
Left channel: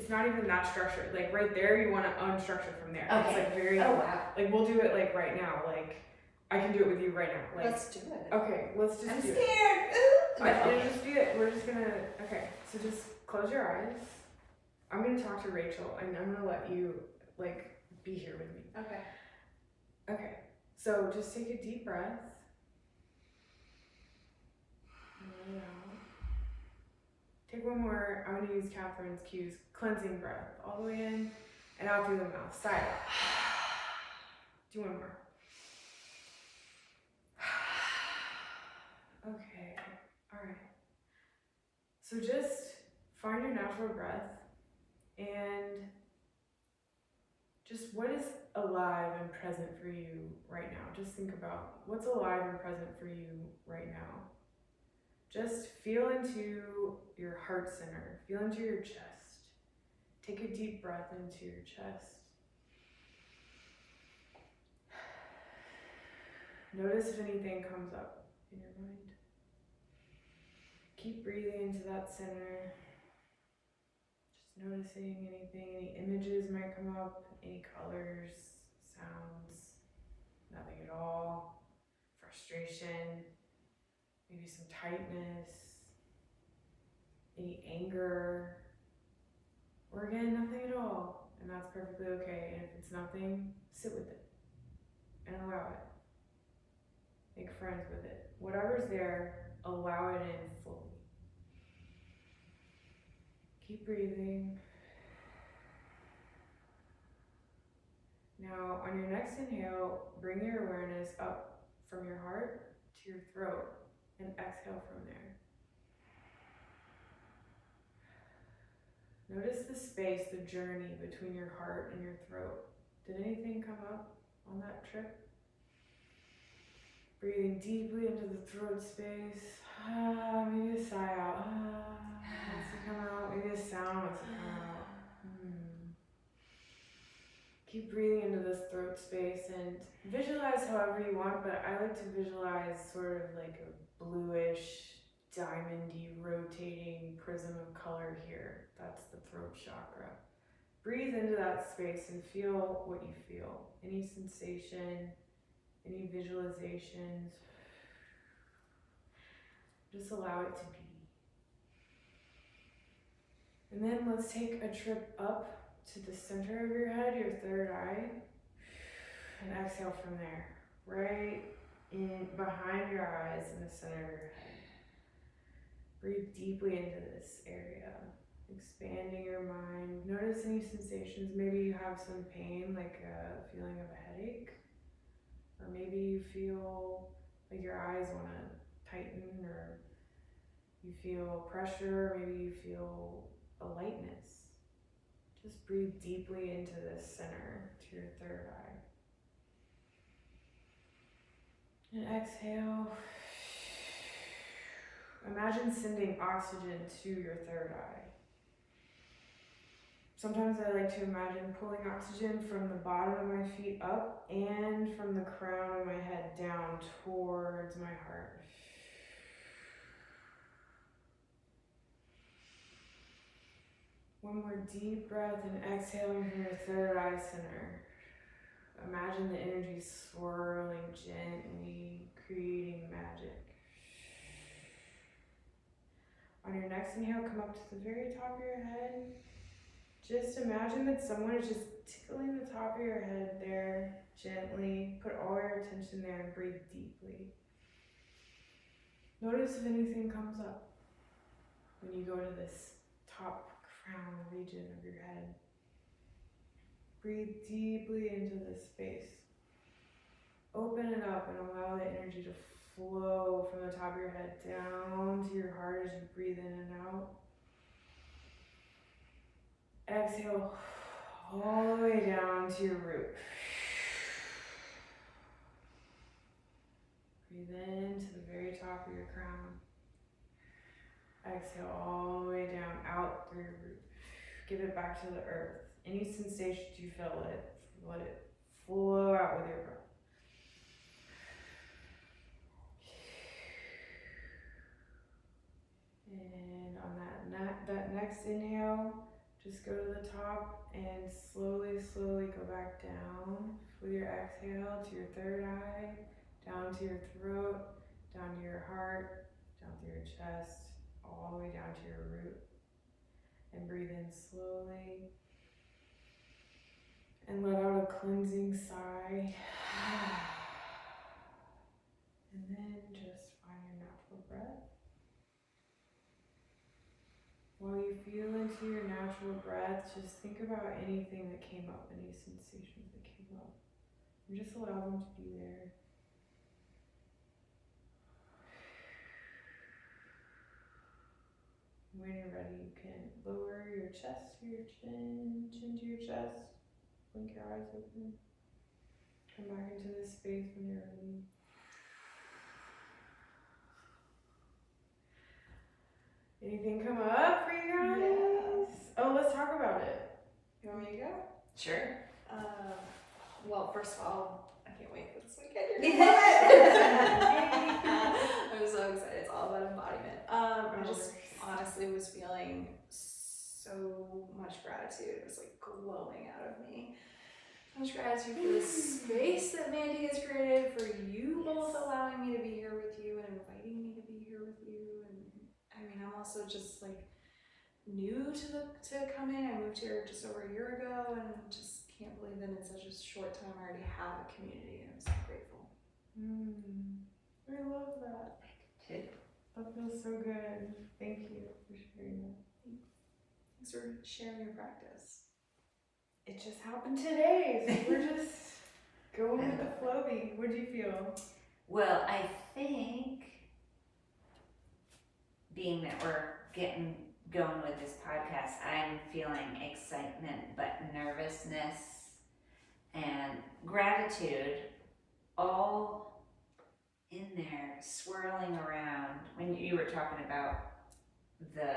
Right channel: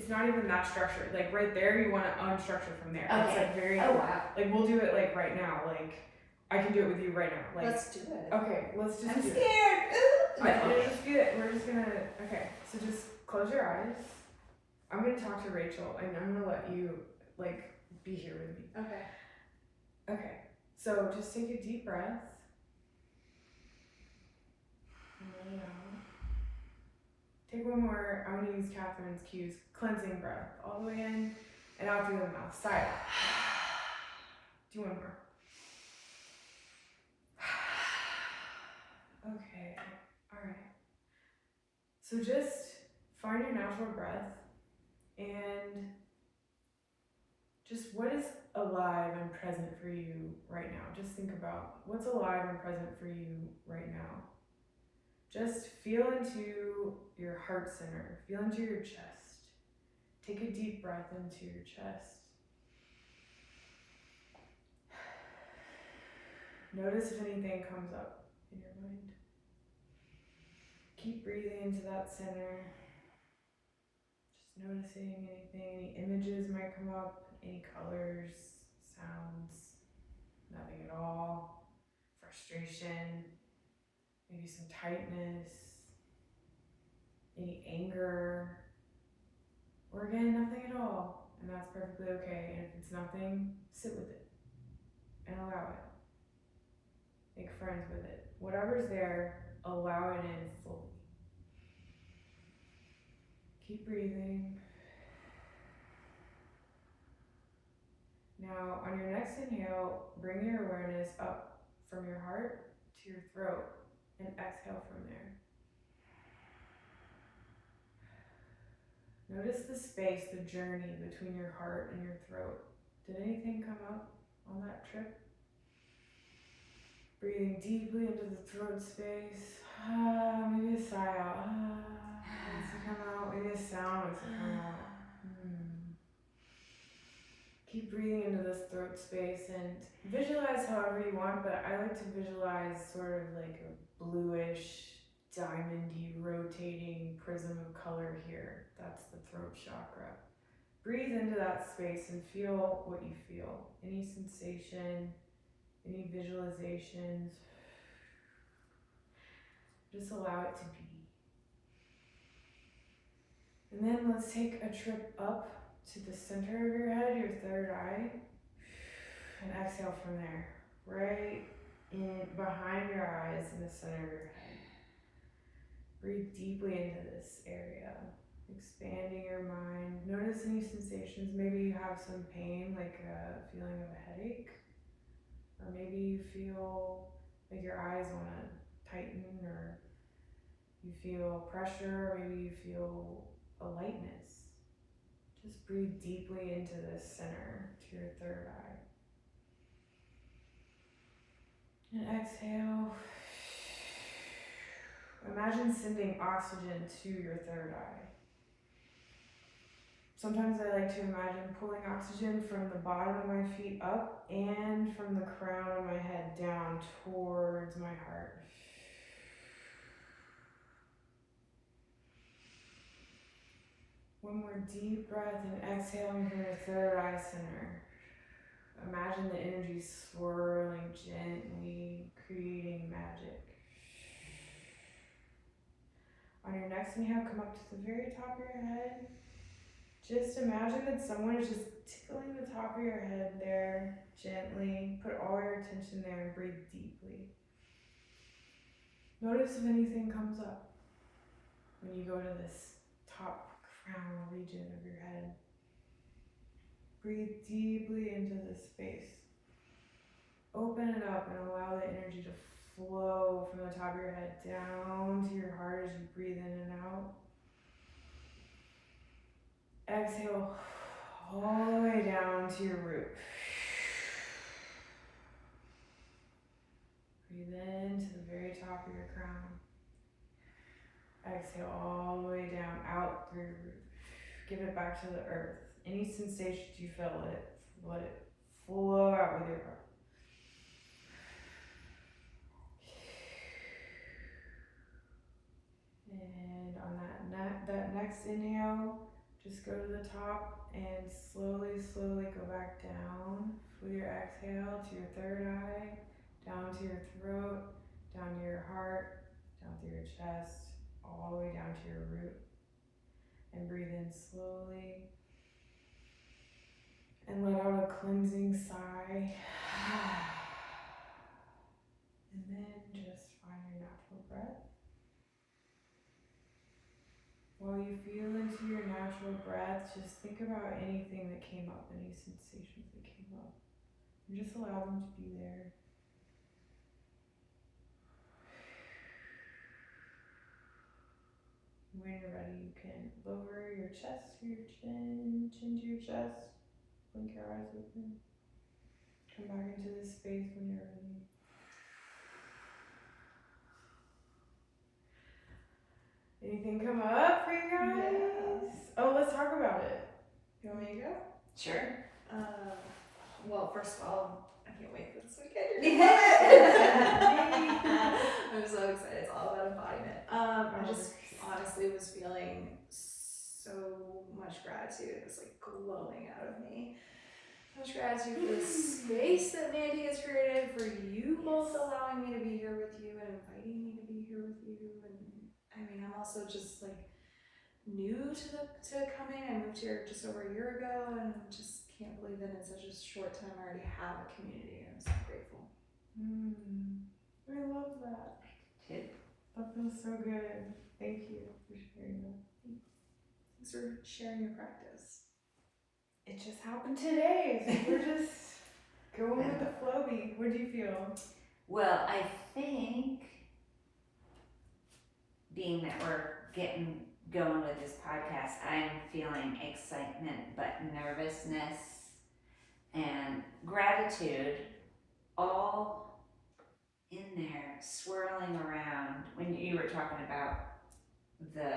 not even that structured. Like right there, you want to unstructure from there. Okay. It's like very, oh wow. Like we'll do it like right now. Like I can do it with you right now. Like let's do it. Okay, let's just I'm do scared. it. We'll just do it. We're just gonna, okay, so just close your eyes. I'm gonna talk to Rachel and I'm gonna let you like be here with me. Okay. Okay, so just take a deep breath. And let it out. Take one more. I'm going to use Catherine's cues. Cleansing breath. All the way in and out through the mouth. Sigh out. Do one more. Okay, alright. So just find your natural breath and just what is alive and present for you right now. Just think about what's alive and present for you right now. Just feel into your heart center. Feel into your chest. Take a deep breath into your chest. Notice if anything comes up in your mind. keep breathing into that center. Just noticing anything, any images might come up, any colors, sounds, nothing at all. Frustration, maybe some tightness, any anger, or again, nothing at all. And that's perfectly okay. And if it's nothing, sit with it and allow it. Make friends with it. Whatever's there, allow it in fully. Keep breathing. Now, on your next inhale, bring your awareness up from your heart to your throat and exhale from there. Notice the space, the journey between your heart and your throat. Did anything come up on that trip? Breathing deeply into the throat space. Maybe a sigh out. Wants to come out. Maybe a sound wants to come out. Keep breathing into this throat space and visualize however you want, but I like to visualize sort of like a bluish, diamondy, rotating prism of color here. That's the throat chakra. Breathe into that space and feel what you feel. Any sensation, any visualizations. Just allow it to be. And then let's take a trip up to the center of your head, your third eye, and exhale from there. Right in behind your eyes in the center of your head. Breathe deeply into this area, expanding your mind. Notice any sensations. Maybe you have some pain, like a feeling of a headache, or maybe you feel like your eyes want to tighten, or you feel pressure, or maybe you feel a lightness. Just breathe deeply into this center, to your third eye. And exhale. Imagine sending oxygen to your third eye. Sometimes I like to imagine pulling oxygen from the bottom of my feet up and from the crown of my head down towards my heart. One more deep breath and exhaling from your third eye center. Imagine the energy swirling gently, creating magic. On your next inhale, come up to the very top of your head. Just imagine that someone is just tickling the top of your head there, gently. Put all your attention there and breathe deeply. Notice if anything comes up when you go to this top crown region of your head. Breathe deeply into this space. Open it up and allow the energy to flow from the top of your head down to your heart as you breathe in and out. Exhale all the way down to your root. Breathe in to the very top of your crown. Exhale all the way down, out through your root. Give it back to the earth. Any sensations you feel, let it flow out with your breath. And on that next inhale, just go to the top and slowly go back down with your exhale to your third eye, down to your throat, down to your heart, down through your chest, all the way down to your root. And breathe in slowly. And let out a cleansing sigh. And then just find your natural breath. While you feel into your natural breath, just think about anything that came up, any sensations that came up. And just allow them to be there. When you're ready, you can lower your chest to your chin to your chest. Blink your eyes open. Come back into this space when you're ready. Anything come up for you guys? Yes. Oh, let's talk about it. You want me to go? Sure. Well, first of all, I can't wait for this weekend. Yeah. I'm so excited. It's awesome. all about embodiment. I just honestly was feeling so much gratitude. It was like glowing out of me. So much gratitude for the space that Mandy has created, for you both allowing me to be here with you and inviting me to be here with you. And I mean, I'm also just like new to coming. I moved here just over a year ago, and just can't believe that in such a short time I already have a community. I'm so grateful. I love that. I did too. That feels so good. Thank you for sharing that. Thanks for sharing your practice. It just happened today, so we're just going with the flow beat. What do you feel? Well, I think being that we're getting going with this podcast, I'm feeling excitement, but nervousness and gratitude all in there, swirling around. When you were talking about the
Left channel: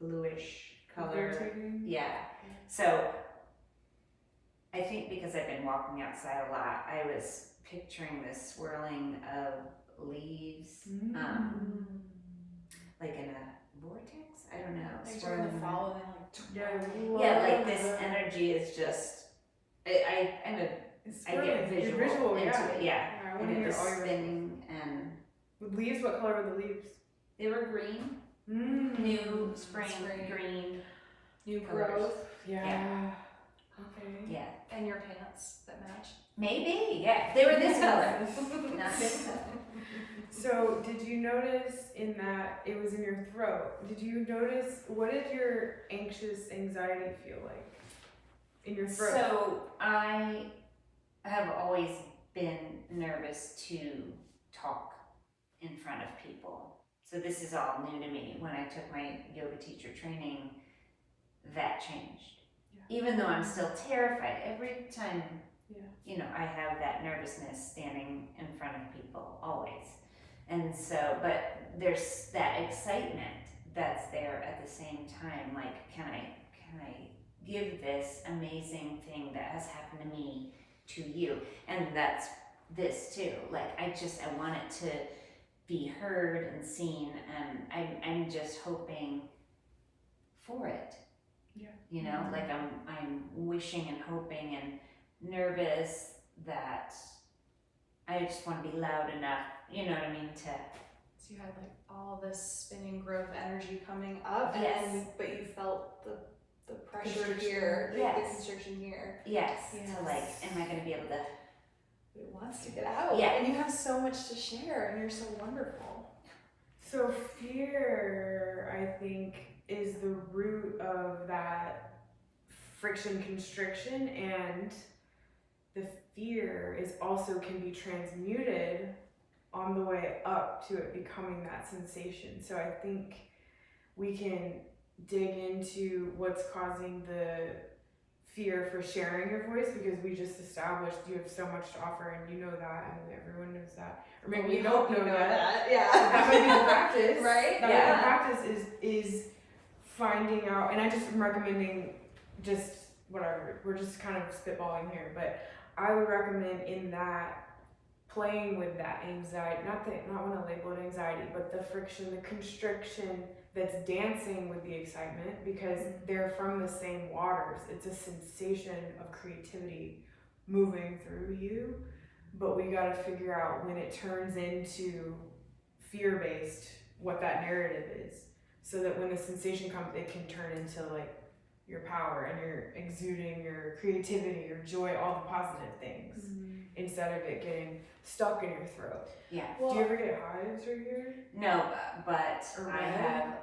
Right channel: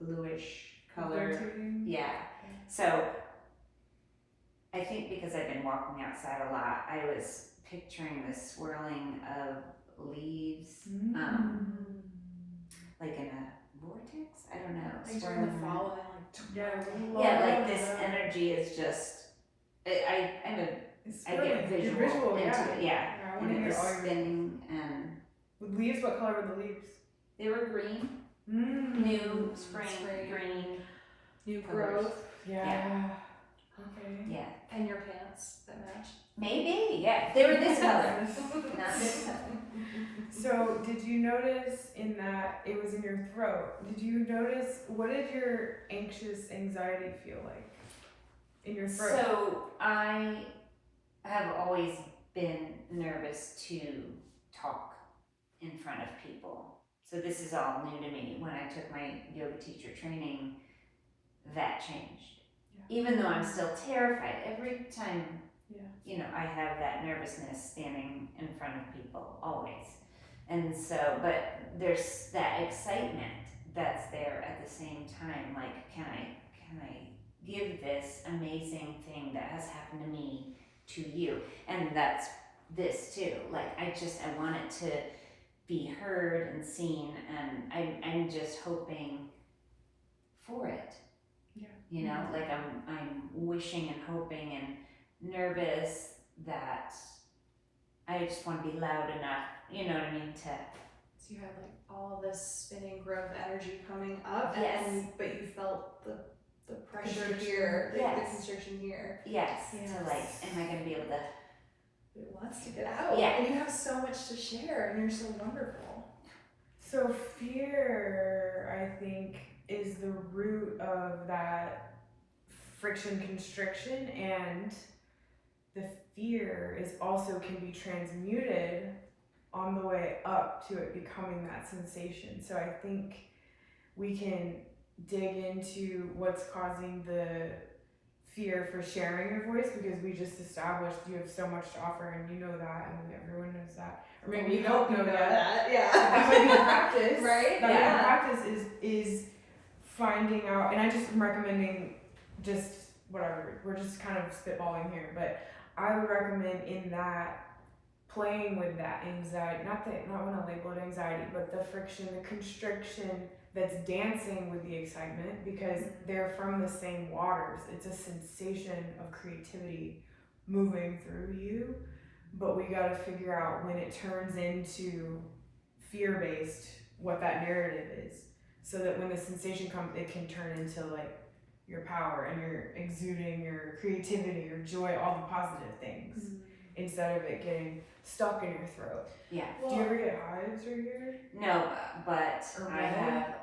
bluish color, Rotating? yeah. So I think because I've been walking outside a lot, I was picturing the swirling of leaves, like in a vortex. I don't know. Like swirling during the around. fall, and Yeah, Yeah, like this energy is just. I'm a. It's I get swirling. You're visual visual, into yeah. it. Yeah. I And want to it hear was all your spinning, and with leaves. What color were the leaves? they were green. Mm. New spring Spring. green. new Colors. growth, Yeah. Okay. Yeah. and your pants that match. Maybe. Yeah. They were this color. Not this color. So, did you notice in that it was in your throat? Did you notice what did your anxiety feel like in your throat? So I have always been nervous to talk in front of people. So this is all new to me. When I took my yoga teacher training, that changed. Yeah. Even though I'm still terrified, every time, Yeah. I have that nervousness standing in front of people, always. And so, but there's that excitement that's there at the same time. Like, can I give this amazing thing that has happened to me to you? And that's this too. Like, I want it to be heard and seen, and I'm just hoping for it. Yeah. Like I'm wishing and hoping and nervous that I just want to be loud enough, you know what I mean, to. So you had like all this spinning growth energy coming up, Yes. but you felt the pressure Constriction. here, the Yes. constriction here. Yes, Yes. to like, am I going to be able to? It wants to get out. Yeah. And you have so much to share, and you're so wonderful. So fear, I think, is the root of that friction constriction, and the fear is also can be transmuted on the way up to it becoming that sensation. So I think we can dig into what's causing the fear for sharing your voice, because we just established you have so much to offer, and you know that, and everyone knows that. Or maybe We you don't hope know that. Yeah. That might be the practice. Right? That Yeah. might be the practice is finding out, and I just am recommending just whatever. We're just kind of spitballing here, but I would recommend in that playing with that anxiety, not want to label it anxiety, but the friction, the constriction that's dancing with the excitement, because they're from the same waters. It's a sensation of creativity moving through you, but we got to figure out when it turns into fear-based, what that narrative is, so that when the sensation comes, it can turn into like your power, and you're exuding your creativity, your joy, all the positive things, instead of it getting stuck in your throat. Yeah. Do you ever get hives right here? No, but Or I red? have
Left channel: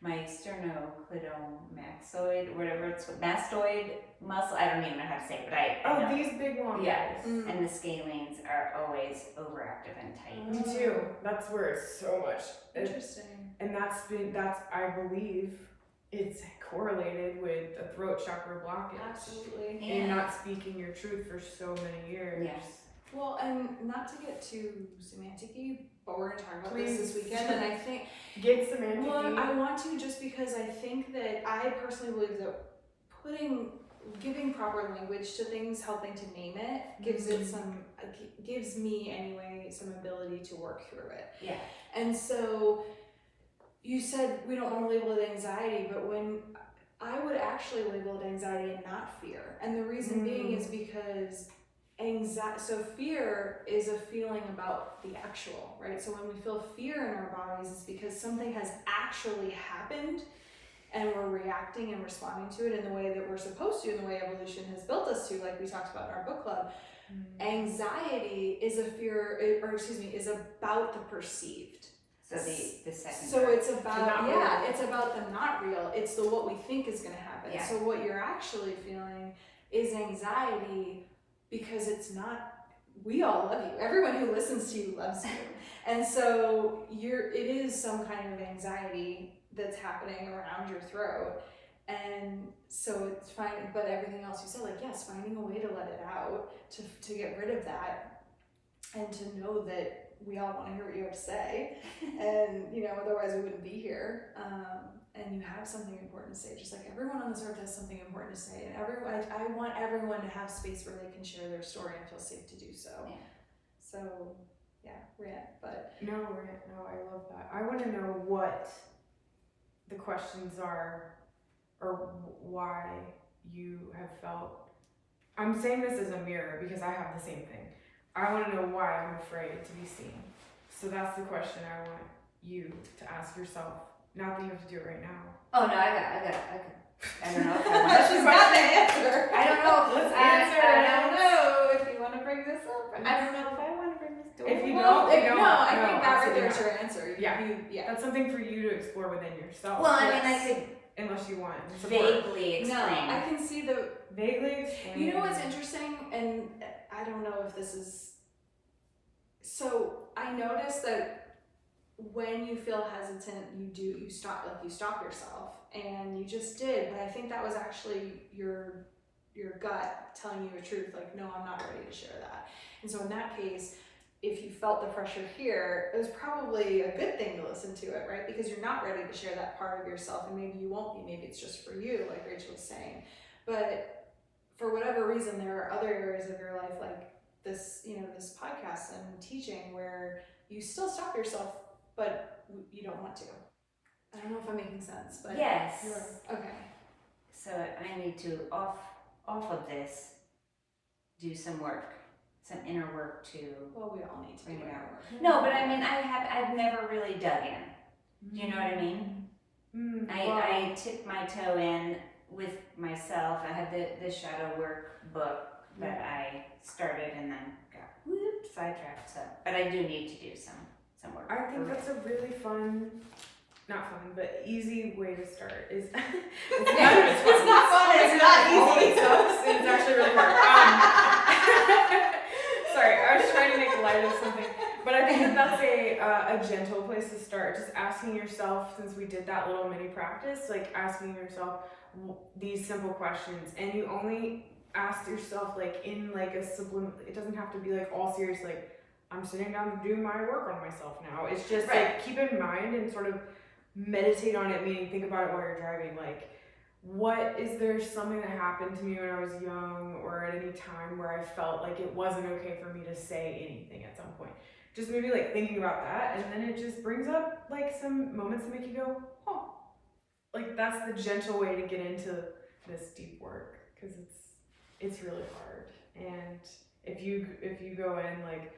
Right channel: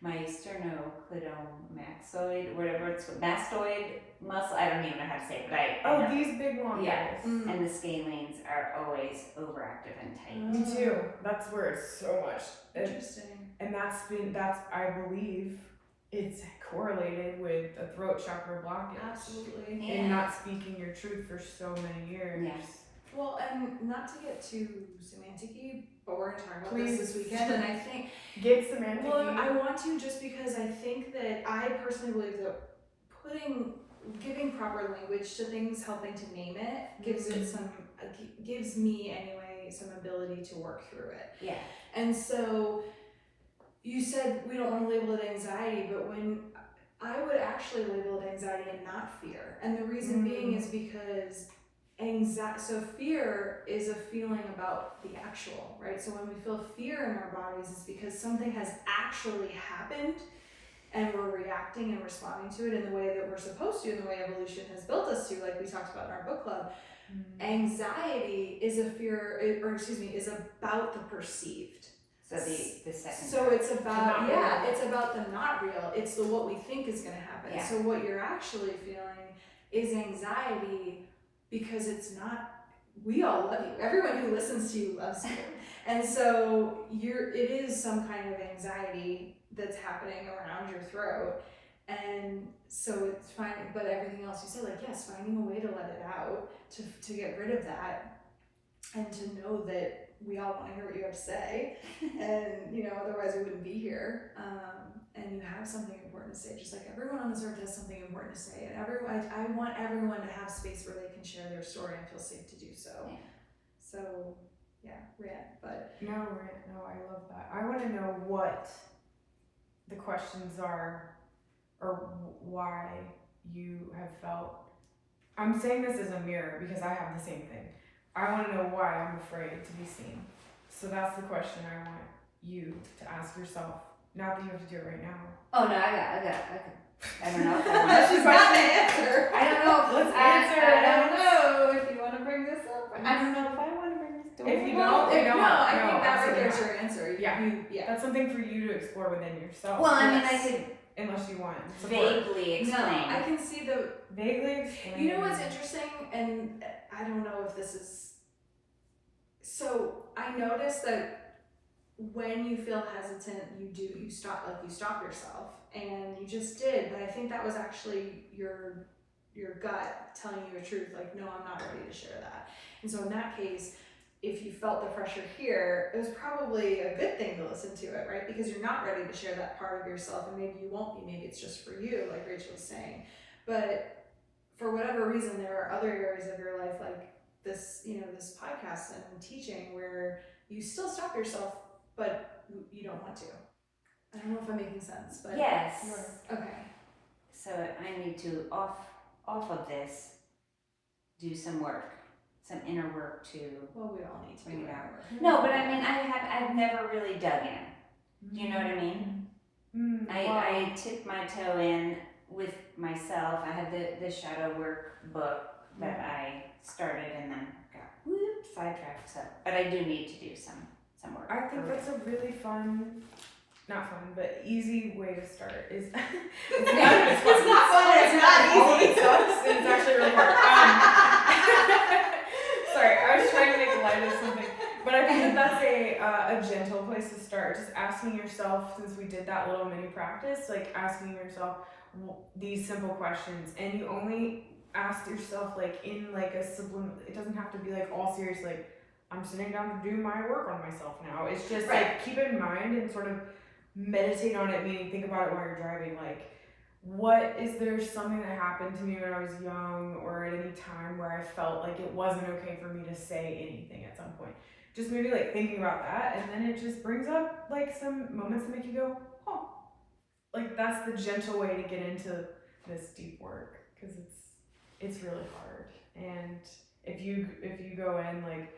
my sternocleidomastoid, whatever it's mastoid muscle. I don't even know how to say it, but I know. These big long Yeah. guys. And the scalenes are always overactive and tight. Me too. That's where it's so much. Interesting. And that's I believe it's correlated with a throat chakra blockage. Absolutely. Yeah. And not speaking your truth for so many years. Yes. Well, and not to get too semantic-y, but we're going to talk about Please. this weekend, and I think, Get semantic. well, I want to, just because I think that I personally believe that giving proper language to things, helping to name it, gives it some gives me anyway some ability to work through it. Yeah. And so you said we don't want to label it anxiety, but when I would actually label it anxiety and not fear. And the reason being is because so fear is a feeling about the actual, right? So when we feel fear in our bodies, it's because something has actually happened and we're reacting and responding to it in the way that we're supposed to, in the way evolution has built us to, like we talked about in our book club. Anxiety is is about the perceived. So the second. So it's about real. it's about the not real. It's the what we think is going to happen. Yeah. So what you're actually feeling is anxiety because it's not. We all love you. Everyone who listens to you loves you, and so it is some kind of anxiety that's happening around your throat, and so it's fine. But everything else you said, like yes, finding a way to let it out, to get rid of that, and to know that we all want to hear what you have to say, and otherwise we wouldn't be here. And you have something important to say, just like everyone on this earth has something important to say, and I want everyone to have space where they can share their story and feel safe to do so. Yeah. So rant, but No, I love that. I want to know what the questions are, or why you have felt. I'm saying this as a mirror because I have the same thing. I want to know why I'm afraid to be seen. So that's the question I want you to ask yourself. Not that you have to do it right now. Oh no, I don't know if I want she's got the answer. I don't know. Let's answer I it. don't know if you want to bring this up. I don't know if I want to bring this up. If you don't, we don't. No, I No, think absolutely there's not. your answer. Yeah. That's something for you to explore within yourself. Well, I mean, Yes. I could Unless you want support. vaguely explain. No, I can see the. Vaguely explain. You know what's interesting, and I don't know if this is. So I noticed that when you feel hesitant, you stop yourself, and you just did. But I think that was actually your gut telling you the truth. Like, no, I'm not ready to share that. And so in that case, if you felt the pressure here, it was probably a good thing to listen to it, right? Because you're not ready to share that part of yourself, and maybe you won't be. Maybe it's just for you, like Rachel was saying. But for whatever reason, there are other areas of your life, like this, this podcast and teaching, where you still stop yourself, but you don't want to. I don't know if I'm making sense, but Yes. okay. So I need to off of this do some work, some inner work to. Well, we all need to bring do it out. work. No, but I mean, I've never really dug in. Do you know what I mean? I tipped my toe in with myself. I had the shadow work book that I started and then got sidetracked. So, but I do need to do some work. I think that's a really fun, not fun, but easy way to start. Is it's none of it's fun. It's not fun. It's not All of easy. it sucks, and it's actually really hard. Sorry, I was trying to make light of something, but I think that's a gentle place to start. Just asking yourself, since we did that little mini practice, like asking yourself these simple questions, and you only ask yourself like in like a subliminal. It doesn't have to be like all serious. Like I'm sitting down to do my work on myself now. It's just like keep in mind and sort of meditate on it. Meaning think about it while you're driving. Like, what is there something that happened to me when I was young or at any time where I felt like it wasn't okay for me to say anything at some point? Just maybe like thinking about that, and then it just brings up like some moments that make you go, oh, like that's the gentle way to get into this deep work, because it's really hard. And if you go in like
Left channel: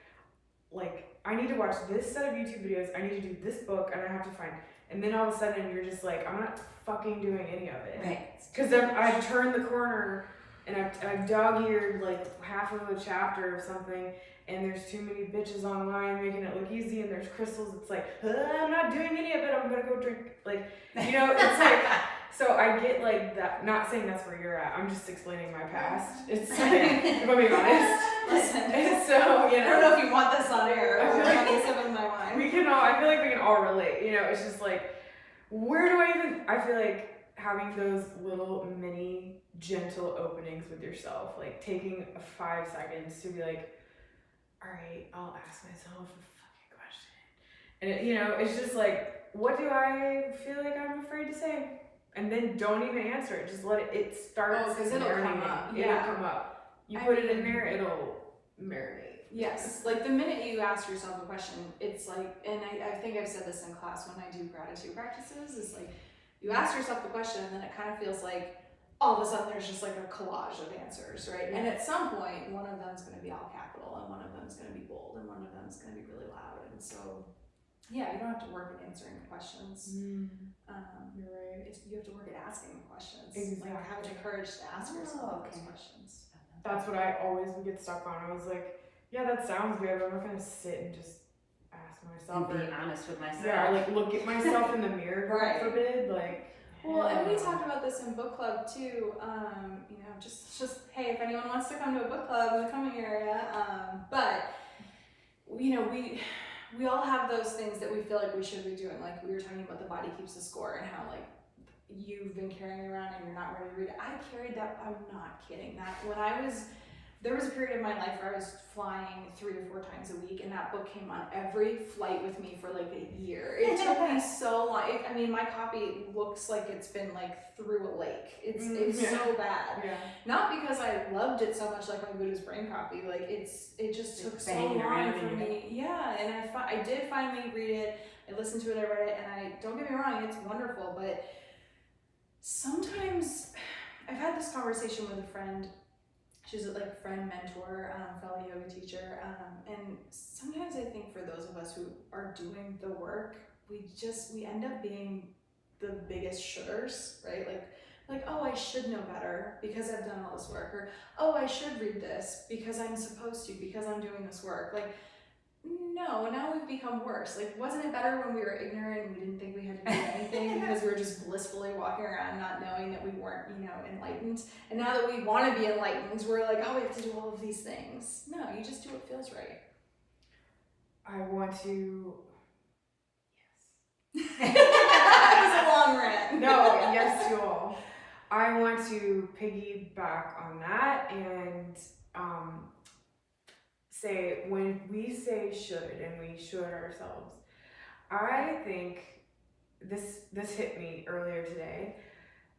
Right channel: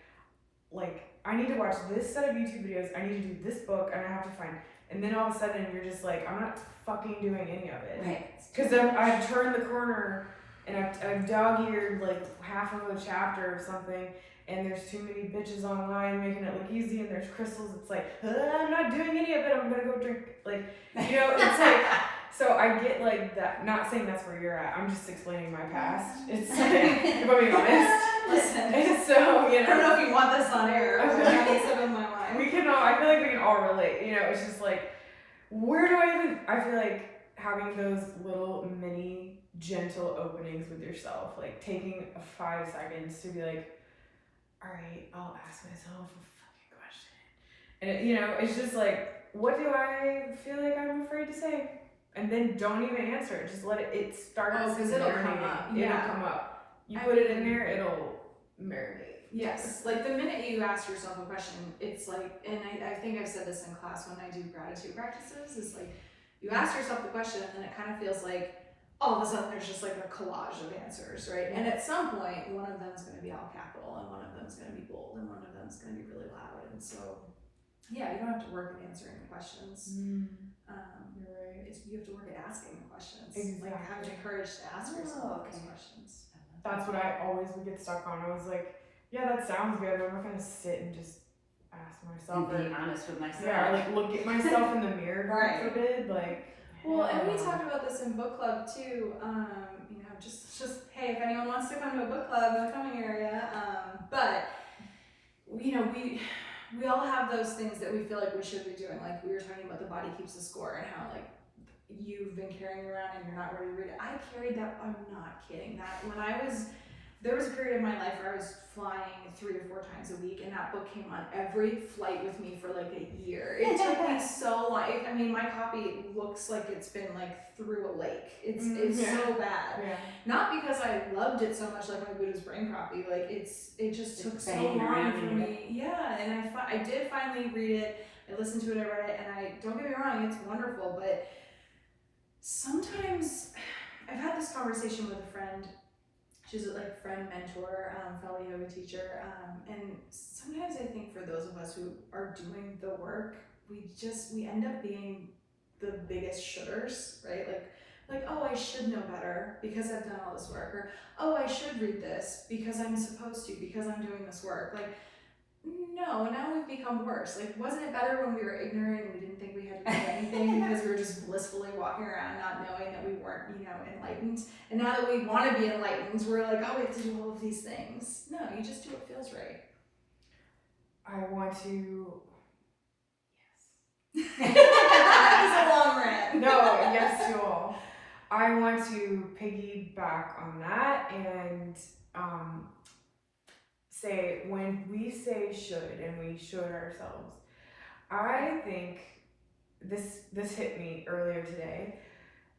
I need to watch this set of YouTube videos, I need to do this book, and I have to find, and then all of a sudden you're just like, I'm not fucking doing any of it. Right. Because I've turned the corner and I've dog-eared like half of a chapter of something, and there's too many bitches online making it look easy, and there's crystals. It's like, I'm not doing any of it, I'm gonna go drink. Like, it's like, so I get like that, not saying that's where you're at, I'm just explaining my past. It's like, if I'm being honest. Listen, And so, I don't know if you want this on air. I Or feel what like- is it in my mind? I feel like we can all relate, it's just like, I feel like having those little mini gentle openings with yourself, like taking 5 seconds to be like, all right, I'll ask myself a fucking question. And it's just like, what do I feel like I'm afraid to say? And then don't even answer it. Just let it start. Oh, 'cause it'll come marinating. up. It'll Yeah. come up. You put it in there, it'll marinate. Yes, like the minute you ask yourself a question, it's like, and I think I've said this in class when I do gratitude practices, is like, you ask yourself the question and then it kind of feels like all of a sudden there's just like a collage of answers, right? And at some point, one of them's going to be all capital and one of them's going to be bold and one of them's going to be really loud. And so, yeah, you don't have to work at answering the questions. You're right. You have to work at asking the questions. Exactly. Like having the courage to ask yourself those questions. That's what I always would get stuck on. I was like, yeah, that sounds good, but I'm not gonna sit and just ask myself And be honest with myself. Yeah, or like look at myself in the mirror, God Right. forbid. Like, well, and we talked about this in book club too. You know, just hey, if anyone wants to come to a book club in the coming area, but you know, we all have those things that we feel like we should be doing. Like we were talking about the body keeps the score and how like you've been carrying around and you're not ready to read it. I carried that. I'm not kidding. That when there was a period of my life where I was flying 3 to 4 times a week, and that book came on every flight with me for like a year. It took me so long. I mean, my copy looks like it's been like through a lake. It's so bad. Yeah. Not because I loved it so much, like my Buddha's Brain copy. Like it just took so banging long around for in your me. Yeah, and I did finally read it. I listened to it. I read it, and I don't get me wrong, it's wonderful, but sometimes I've had this conversation with a friend. She's a like friend, mentor, fellow yoga teacher, and sometimes I think for those of us who are doing the work, we end up being the biggest shoulders, right? Like oh, I should know better because I've done all this work, or oh, I should read this because I'm supposed to, because I'm doing this work. Like no, now we've become worse. Like, wasn't it better when we were ignorant and we didn't think we had to do anything because we were just blissfully walking around not knowing that we weren't, you know, enlightened? And now that we want to be enlightened, we're like, oh, we have to do all of these things. No, you just do what feels right. I want to. Yes. That was a long rant. No, yes, you all. I want to piggyback on that and say when we say should and we should ourselves, I think this hit me earlier today.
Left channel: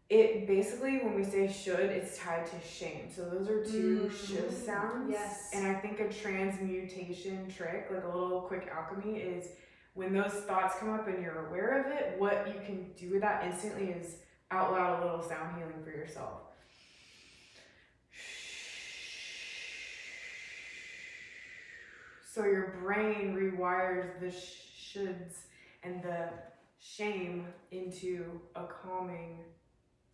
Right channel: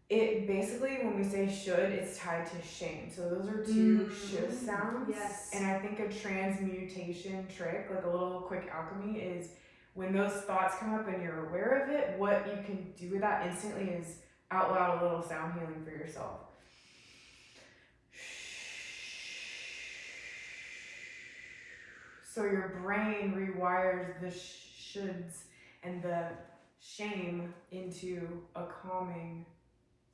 It basically, when we say should, it's tied to shame. So those are two should sounds. Yes. And I think a transmutation trick, like a little quick alchemy, is when those thoughts come up and you're aware of it, what you can do with that instantly is out loud a little sound healing for yourself. So your brain rewires the shoulds and the shame into a calming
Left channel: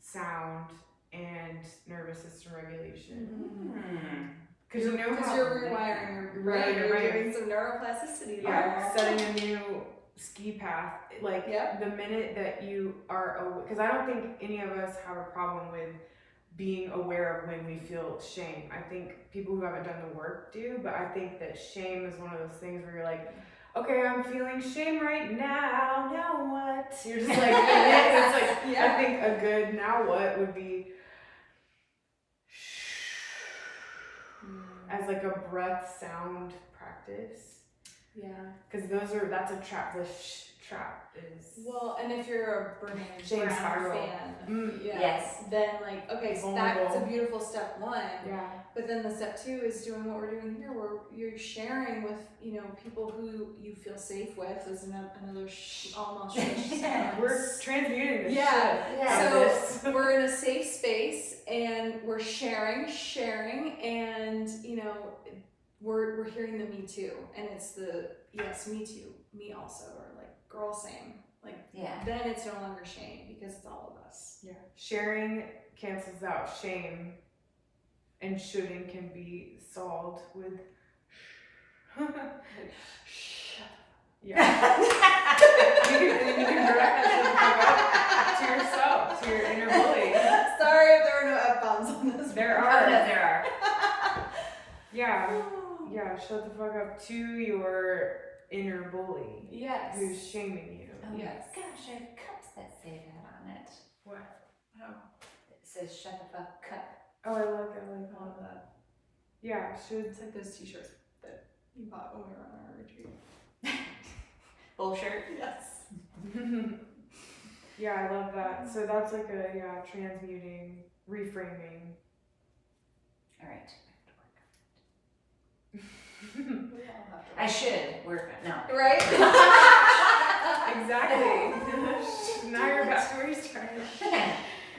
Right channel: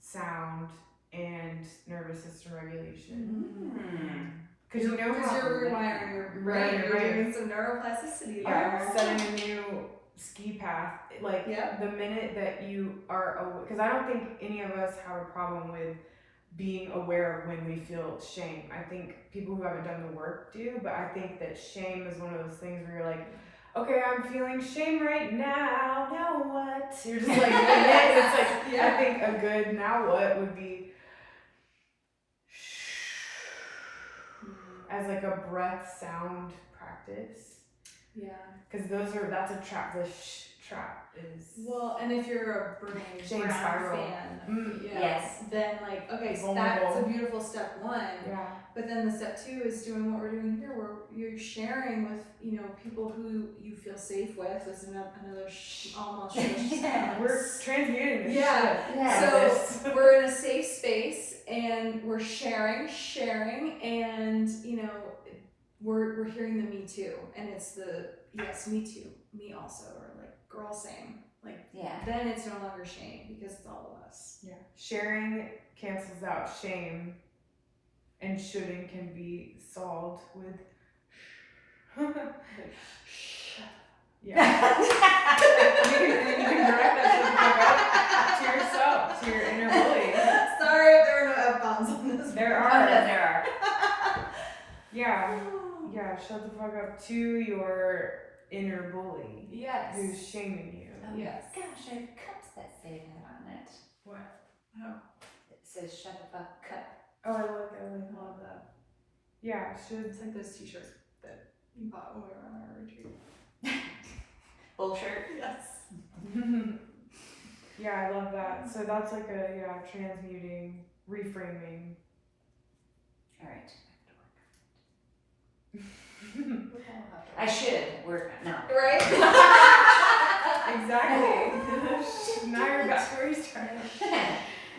sound and nervous system regulation. Because you're rewiring your brain. You're doing some neuroplasticity. Yeah, setting a new ski path. Like the minute that you are, because I don't think any of us have a problem with being aware of when we feel shame. I think people who haven't done the work do, but I think that shame is one of those things where you're like, okay, I'm feeling shame right now what? You're just like, it's like, I think a good now what would be as like a breath sound practice. Yeah. Because that's a trap. The trap is. Well, and if you're a shame Brown spiral fan, Yes. then like, okay, so vulnerable. that's a beautiful step 1. Yeah. But then the step 2 is doing what we're doing here, where you're sharing with, you know, people who you feel safe with. There's another almost sound. We're transmuting the So we're in a safe space and we're sharing, and you know, we're hearing the me too, and it's the yes, me too, me also, or like girl same. Like then it's no longer shame because it's all of us. Yeah. Sharing cancels out shame, and shouldn't can be solved with yeah. you can direct that shit to yourself, to your inner bully. Sorry if there are no F-bombs on this. There are. Yeah, shut the fuck up to your inner bully. Yes. Who's shaming you. Oh yes. Gosh, I have cups that say that on it. What? Oh. It says shut the fuck cup. Oh, I like that. Love that. Yeah, should. It's like those t-shirts that you bought when we were on our retreat. Full shirt? Yes. Yeah, I love that. So that's like a transmuting, reframing. All right. I should work, no. Right? Exactly. Now you're back to where you started.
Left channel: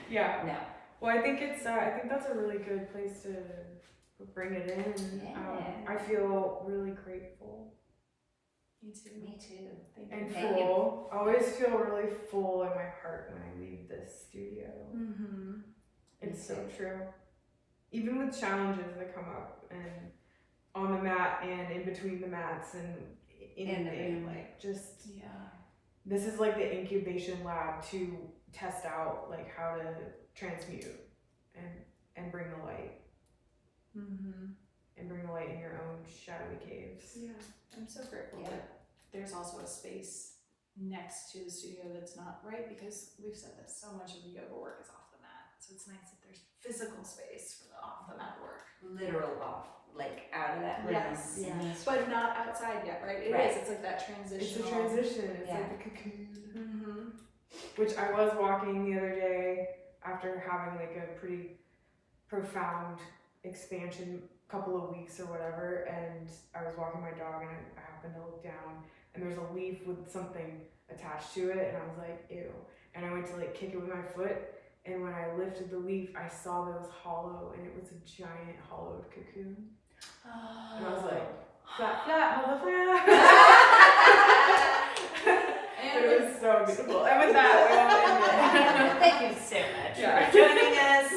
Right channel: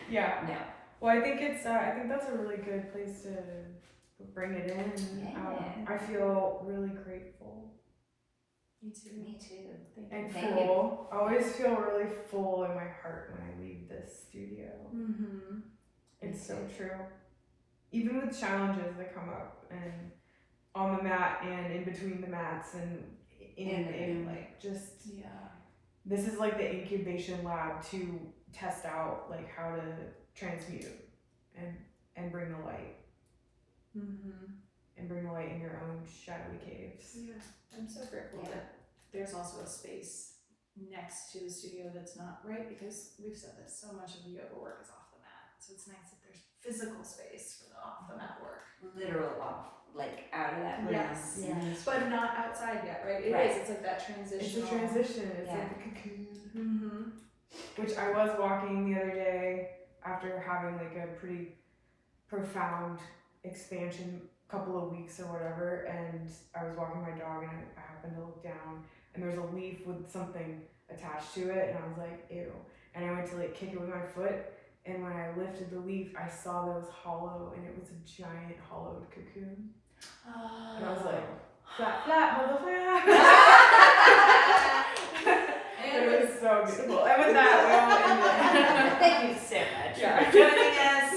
Yeah. No. Well, I think that's a really good place to bring it in. Yeah. I feel really grateful Me too. Me too. and Thank full. I always feel really full in my heart when I leave this studio. Mm-hmm. It's so true. Even with challenges that come up and on the mat and in between the mats and in the room, like just Yeah. this is like the incubation lab to test out like how to transmute and bring the light Mm-hmm. and bring the light in your own shadowy caves. Yeah. I'm so grateful that there's also a space next to the studio that's not right, because we've said that so much of the yoga work is off the mat. So it's nice that there's physical space for the off the mat work. Literal off, like out of that room. Yes. in this But room. not outside yet, right? It Right. is. It's like that transition. It's a transition. It's Yeah. like a cocoon. Mm-hmm. Which I was walking the other day after having like a pretty profound expansion couple of weeks or whatever, and I was walking my dog and I happened to look down and there's a leaf with something attached to it and I was like, ew. And I went to like kick it with my foot, and when I lifted the leaf I saw that it was hollow and it was a giant hollowed cocoon. And I was like, flap flap motherfucker. But it was so beautiful. And with that, we all ended. Thank you so much Yeah. for joining us.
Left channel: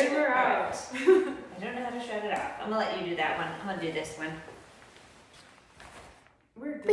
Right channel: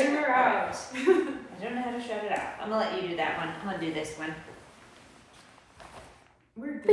And we're out. I don't know how to shut it off. I'm gonna let you do that one. I'm gonna do this one. We're done.